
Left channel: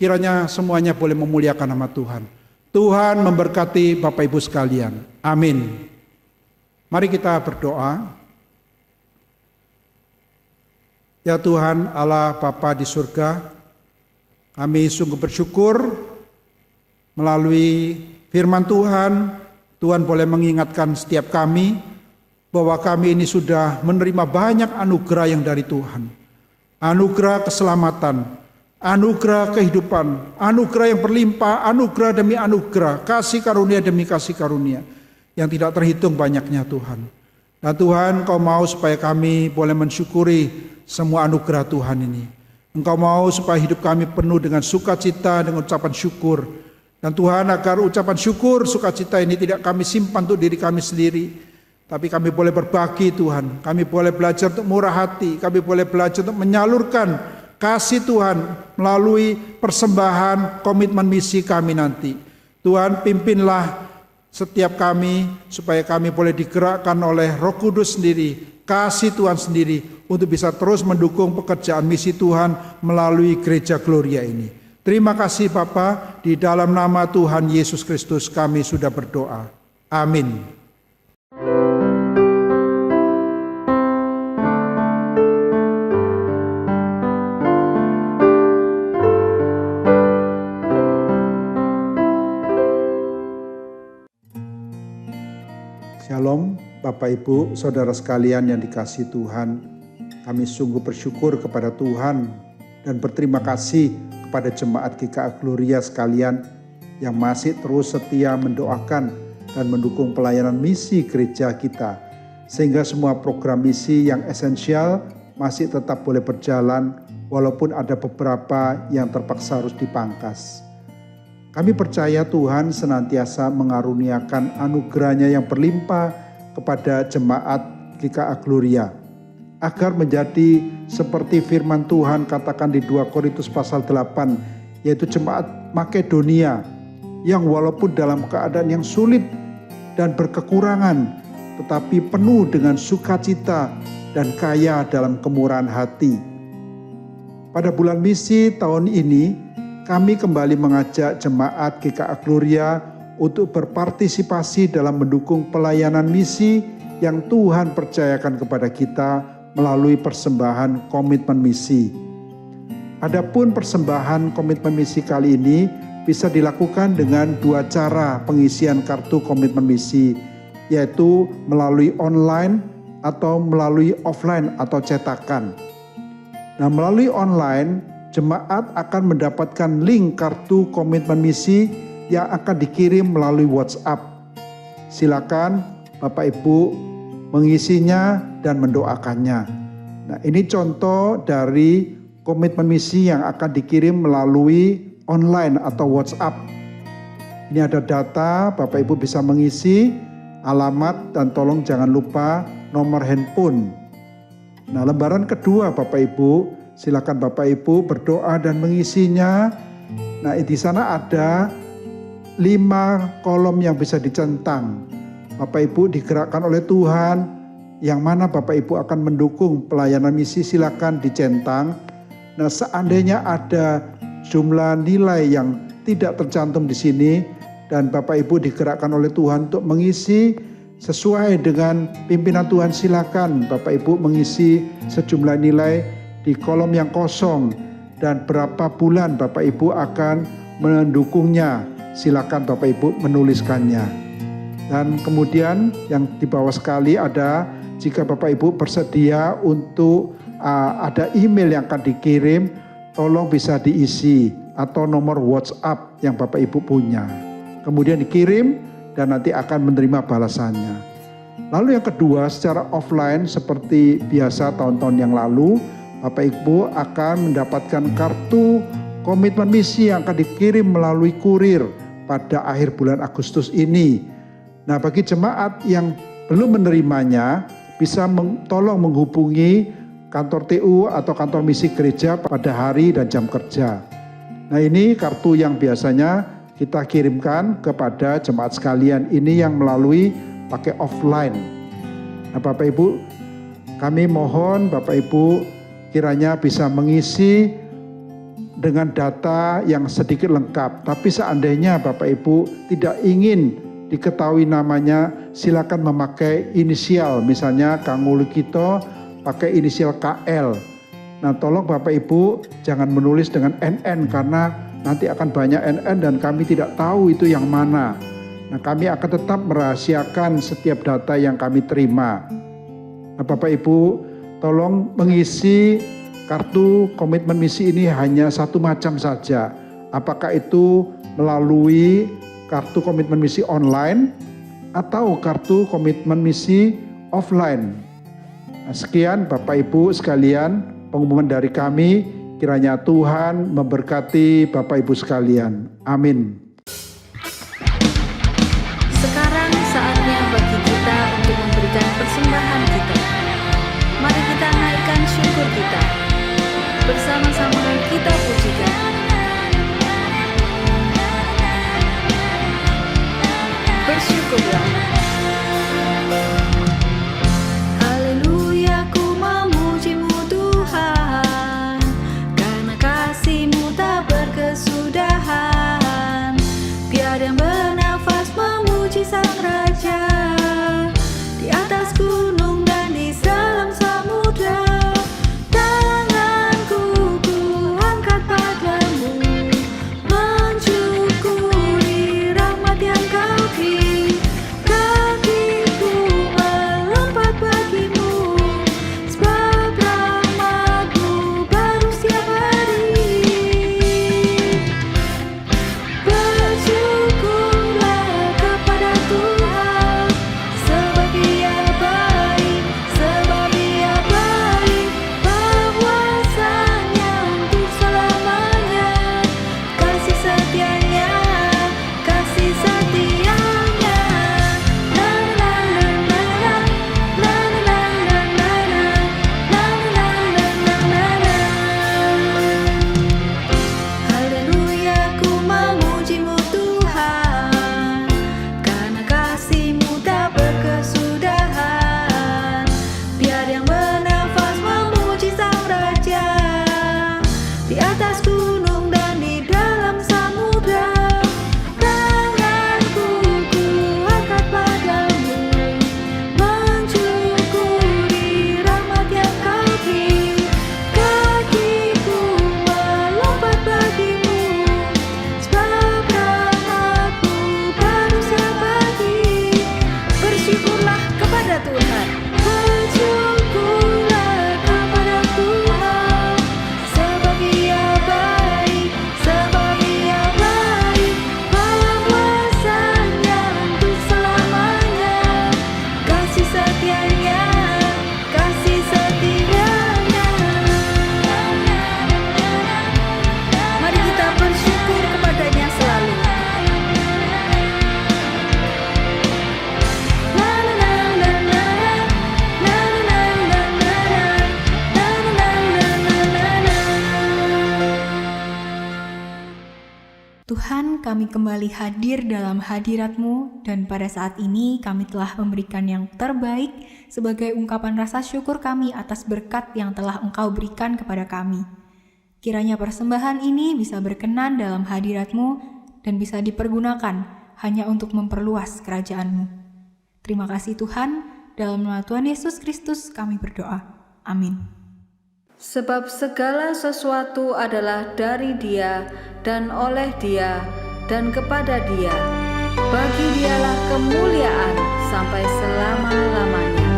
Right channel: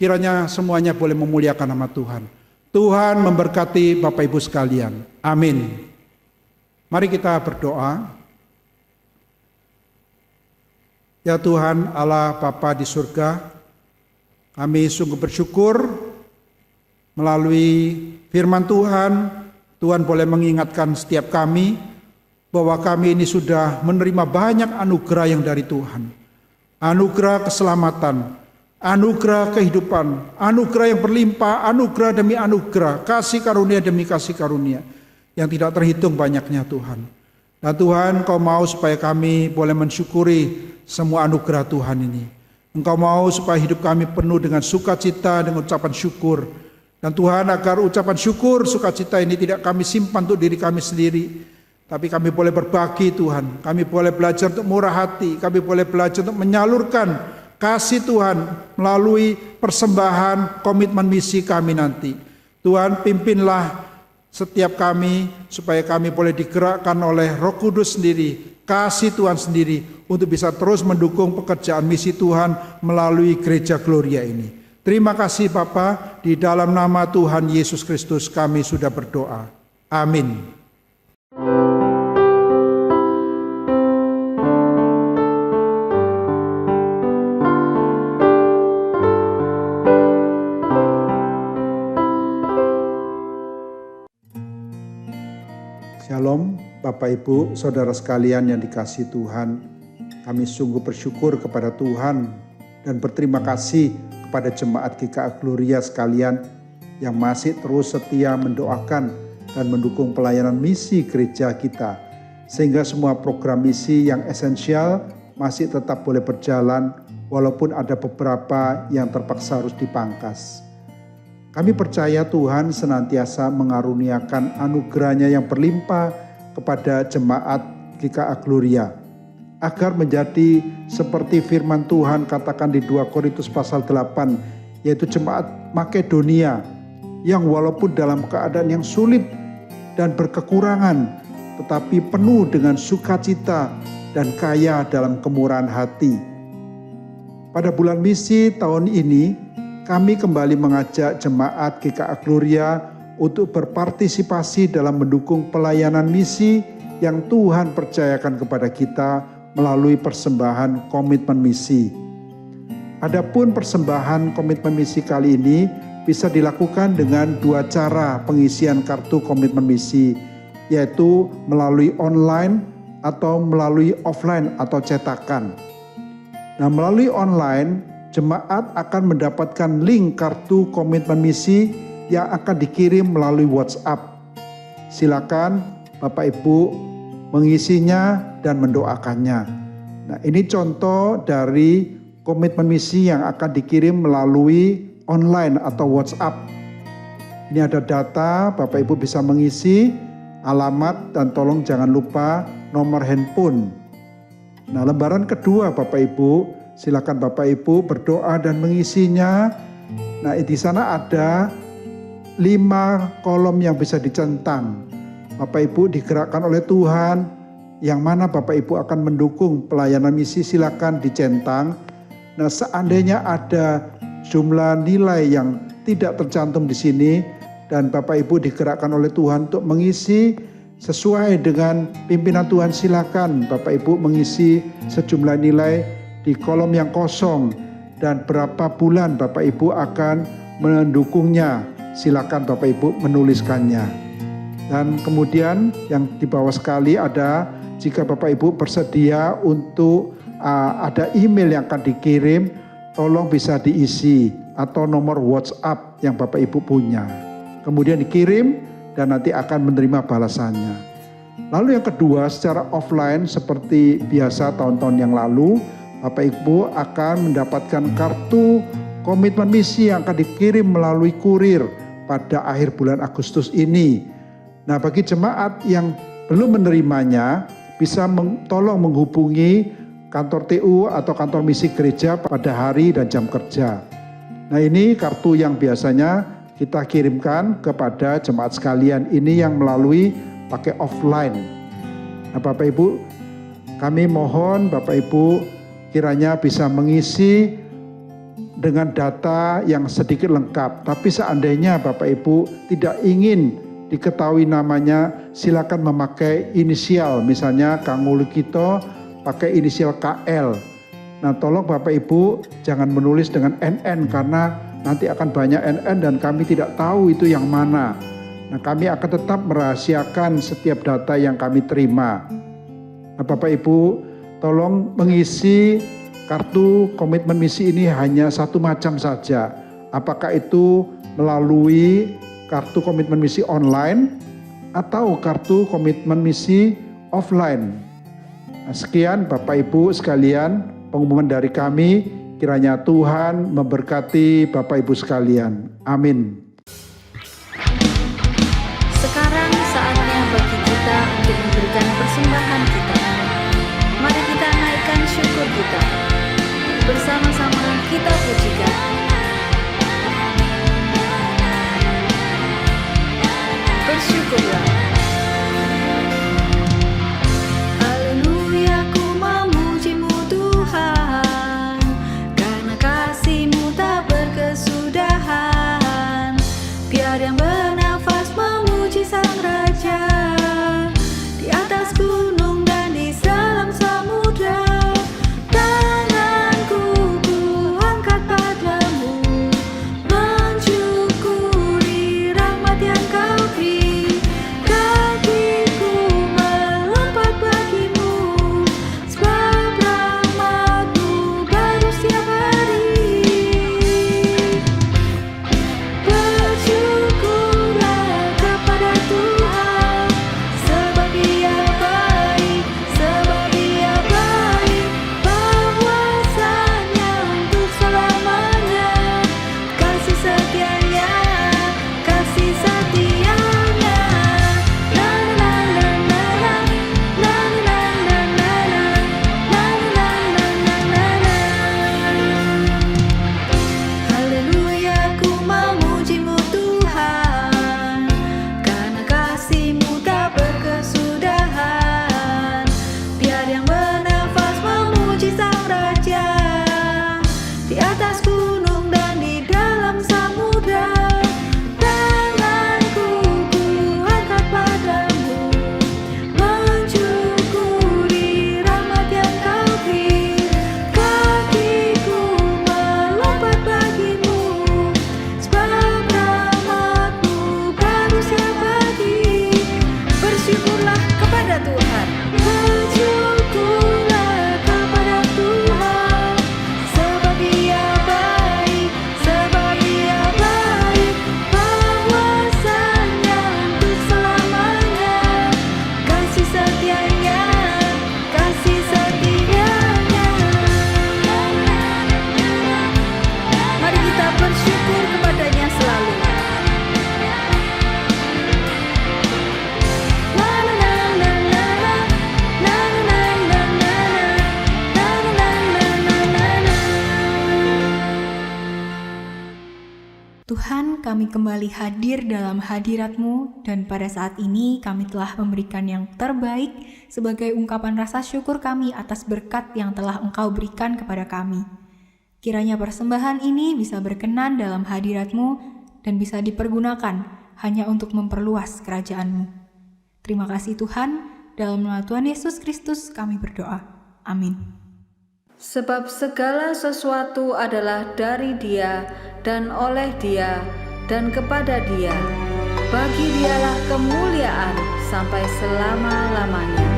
Kiranya semuanya boleh memuliakan nama Tuhan. Tuhan memberkati Bapak Ibu sekalian. Amin. Mari kita berdoa. Ya Tuhan Allah Bapa di surga, kami sungguh bersyukur melalui firman Tuhan, Tuhan boleh mengingatkan setiap kami bahwa kami ini sudah menerima banyak anugerah yang dari Tuhan. Anugerah keselamatan, anugerah kehidupan, anugerah yang berlimpah, anugerah demi anugerah, kasih karunia demi kasih karunia yang tidak terhitung banyaknya Tuhan. Dan Tuhan, Engkau mau supaya kami boleh mensyukuri semua anugerah Tuhan ini. Engkau mau supaya hidup kami penuh dengan sukacita, dengan ucapan syukur. Dan Tuhan, agar ucapan syukur, sukacita ini tidak kami simpan untuk diri kami sendiri, tapi kami boleh berbagi Tuhan. Kami boleh belajar untuk murah hati, kami boleh belajar untuk menyalurkan kasih Tuhan melalui persembahan komitmen misi kami nanti. Tuhan, pimpinlah setiap kami supaya kami boleh digerakkan oleh Roh Kudus sendiri, kasih Tuhan sendiri untuk bisa terus mendukung pekerjaan misi Tuhan melalui Gereja Gloria ini. Terima kasih Bapa, di dalam nama Tuhan Yesus Kristus kami sudah berdoa. Amin. Shalom Bapak Ibu, Saudara sekalian yang dikasihi Tuhan. Kami sungguh bersyukur kepada Tuhan dan berterima kasih kepada jemaat GKA Gloria sekalian yang masih terus setia mendoakan dan mendukung pelayanan misi gereja kita. Sehingga semua program misi yang esensial masih tetap boleh berjalan walaupun ada beberapa yang terpaksa harus dipangkas. Kami percaya Tuhan senantiasa mengaruniakan anugerah-Nya yang berlimpah kepada jemaat GKA Gloria, agar menjadi seperti firman Tuhan katakan di 2 Korintus pasal 8, yaitu jemaat Makedonia yang walaupun dalam keadaan yang sulit dan berkekurangan, tetapi penuh dengan sukacita dan kaya dalam kemurahan hati. Pada bulan misi tahun ini, kami kembali mengajak jemaat GKA Gloria untuk berpartisipasi dalam mendukung pelayanan misi yang Tuhan percayakan kepada kita melalui persembahan komitmen misi. Adapun persembahan komitmen misi kali ini bisa dilakukan dengan 2 cara pengisian kartu komitmen misi, yaitu melalui online atau melalui offline atau cetakan. Nah, melalui online, jemaat akan mendapatkan link kartu komitmen misi yang akan dikirim melalui WhatsApp. Silakan Bapak Ibu mengisinya dan mendoakannya. Nah, ini contoh dari komitmen misi yang akan dikirim melalui online atau WhatsApp. Ini ada data, Bapak Ibu bisa mengisi, alamat, dan tolong jangan lupa nomor handphone. Nah, lembaran kedua Bapak Ibu, silakan Bapak Ibu berdoa dan mengisinya. Nah, di sana ada 5 kolom yang bisa dicentang. Bapak Ibu digerakkan oleh Tuhan, yang mana Bapak Ibu akan mendukung pelayanan misi, silakan dicentang. Nah, seandainya ada jumlah nilai yang tidak tercantum di sini dan Bapak Ibu digerakkan oleh Tuhan untuk mengisi sesuai dengan pimpinan Tuhan, silakan Bapak Ibu mengisi sejumlah nilai di kolom yang kosong dan berapa bulan Bapak Ibu akan mendukungnya. Silakan Bapak Ibu menuliskannya. Dan kemudian yang di bawah sekali ada, jika Bapak Ibu bersedia untuk ada email yang akan dikirim, tolong bisa diisi atau nomor WhatsApp yang Bapak Ibu punya. Kemudian dikirim dan nanti akan menerima balasannya. Lalu yang kedua, secara offline seperti biasa tahun-tahun yang lalu, Bapak Ibu akan mendapatkan kartu komitmen misi yang akan dikirim melalui kurir pada akhir bulan Agustus ini. Nah, bagi jemaat yang belum menerimanya, bisa tolong menghubungi kantor TU atau kantor misi gereja pada hari dan jam kerja. Nah, ini kartu yang biasanya kita kirimkan kepada jemaat sekalian ini yang melalui pakai offline. Nah, Bapak Ibu, kami mohon Bapak Ibu kiranya bisa mengisi dengan data yang sedikit lengkap. Tapi seandainya Bapak Ibu tidak ingin diketahui namanya, silakan memakai inisial. Misalnya Kang Ulikito pakai inisial KL. Nah, tolong Bapak Ibu jangan menulis dengan NN karena nanti akan banyak NN dan kami tidak tahu itu yang mana. Nah, kami akan tetap merahasiakan setiap data yang kami terima. Nah, Bapak Ibu tolong mengisi kartu komitmen misi ini hanya satu macam saja. Apakah itu melalui kartu komitmen misi online atau kartu komitmen misi offline. Nah, sekian Bapak Ibu sekalian pengumuman dari kami. Kiranya Tuhan memberkati Bapak Ibu sekalian. Amin. Sekarang saatnya bagi kita untuk memberikan persembahan kita. Mari kita naikkan syukur kita. Bersama-sama kita pujikan. Bersyukurlah. Haleluya, ku memuji-Mu Tuhan, karena kasih-Mu tak berkesudahan. Biar yang bernafas memuji Sang Raja, di atas gunung dan di dalam samudra. Tuhan, kami kembali hadir dalam hadirat-Mu dan pada saat ini kami telah memberikan yang terbaik sebagai ungkapan rasa syukur kami atas berkat yang telah Engkau berikan kepada kami. Kiranya persembahan ini bisa berkenan dalam hadirat-Mu dan bisa dipergunakan hanya untuk memperluas kerajaan-Mu. Terima kasih Tuhan, dalam nama Tuhan Yesus Kristus kami berdoa. Amin. Sebab segala sesuatu adalah dari Dia dan oleh Dia dan kepada Dia. Bagi Dialah kemuliaan sampai selama-lamanya.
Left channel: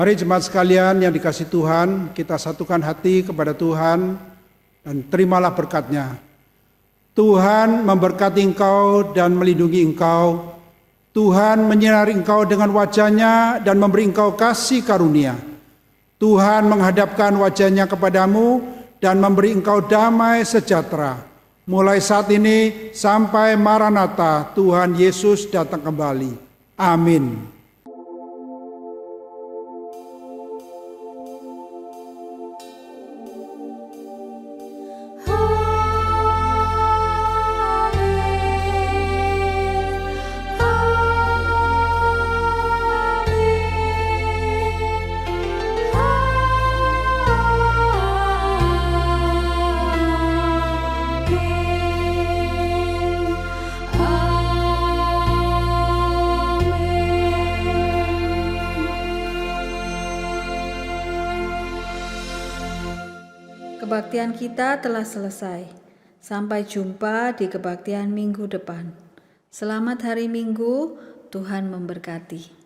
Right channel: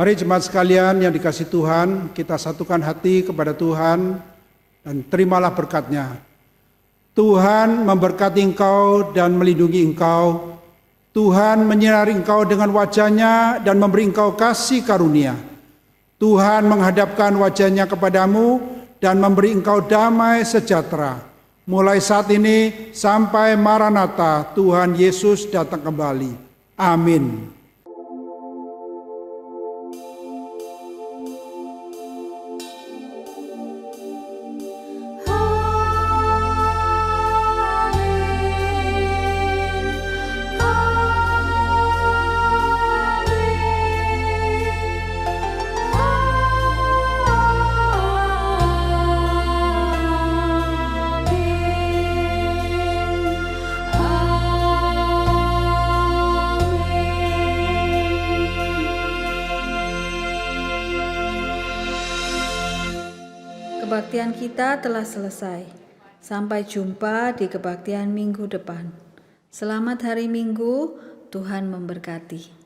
Mari jemaat sekalian yang dikasihi Tuhan, kita satukan hati kepada Tuhan dan terimalah berkat-Nya. Tuhan memberkati engkau dan melindungi engkau. Tuhan menyinari engkau dengan wajah-Nya dan memberi engkau kasih karunia. Tuhan menghadapkan wajah-Nya kepadamu dan memberi engkau damai sejahtera. Mulai saat ini sampai Maranatha, Tuhan Yesus datang kembali. Amin. Kebaktian kita telah selesai. Sampai jumpa di kebaktian minggu depan. Selamat hari Minggu, Tuhan memberkati.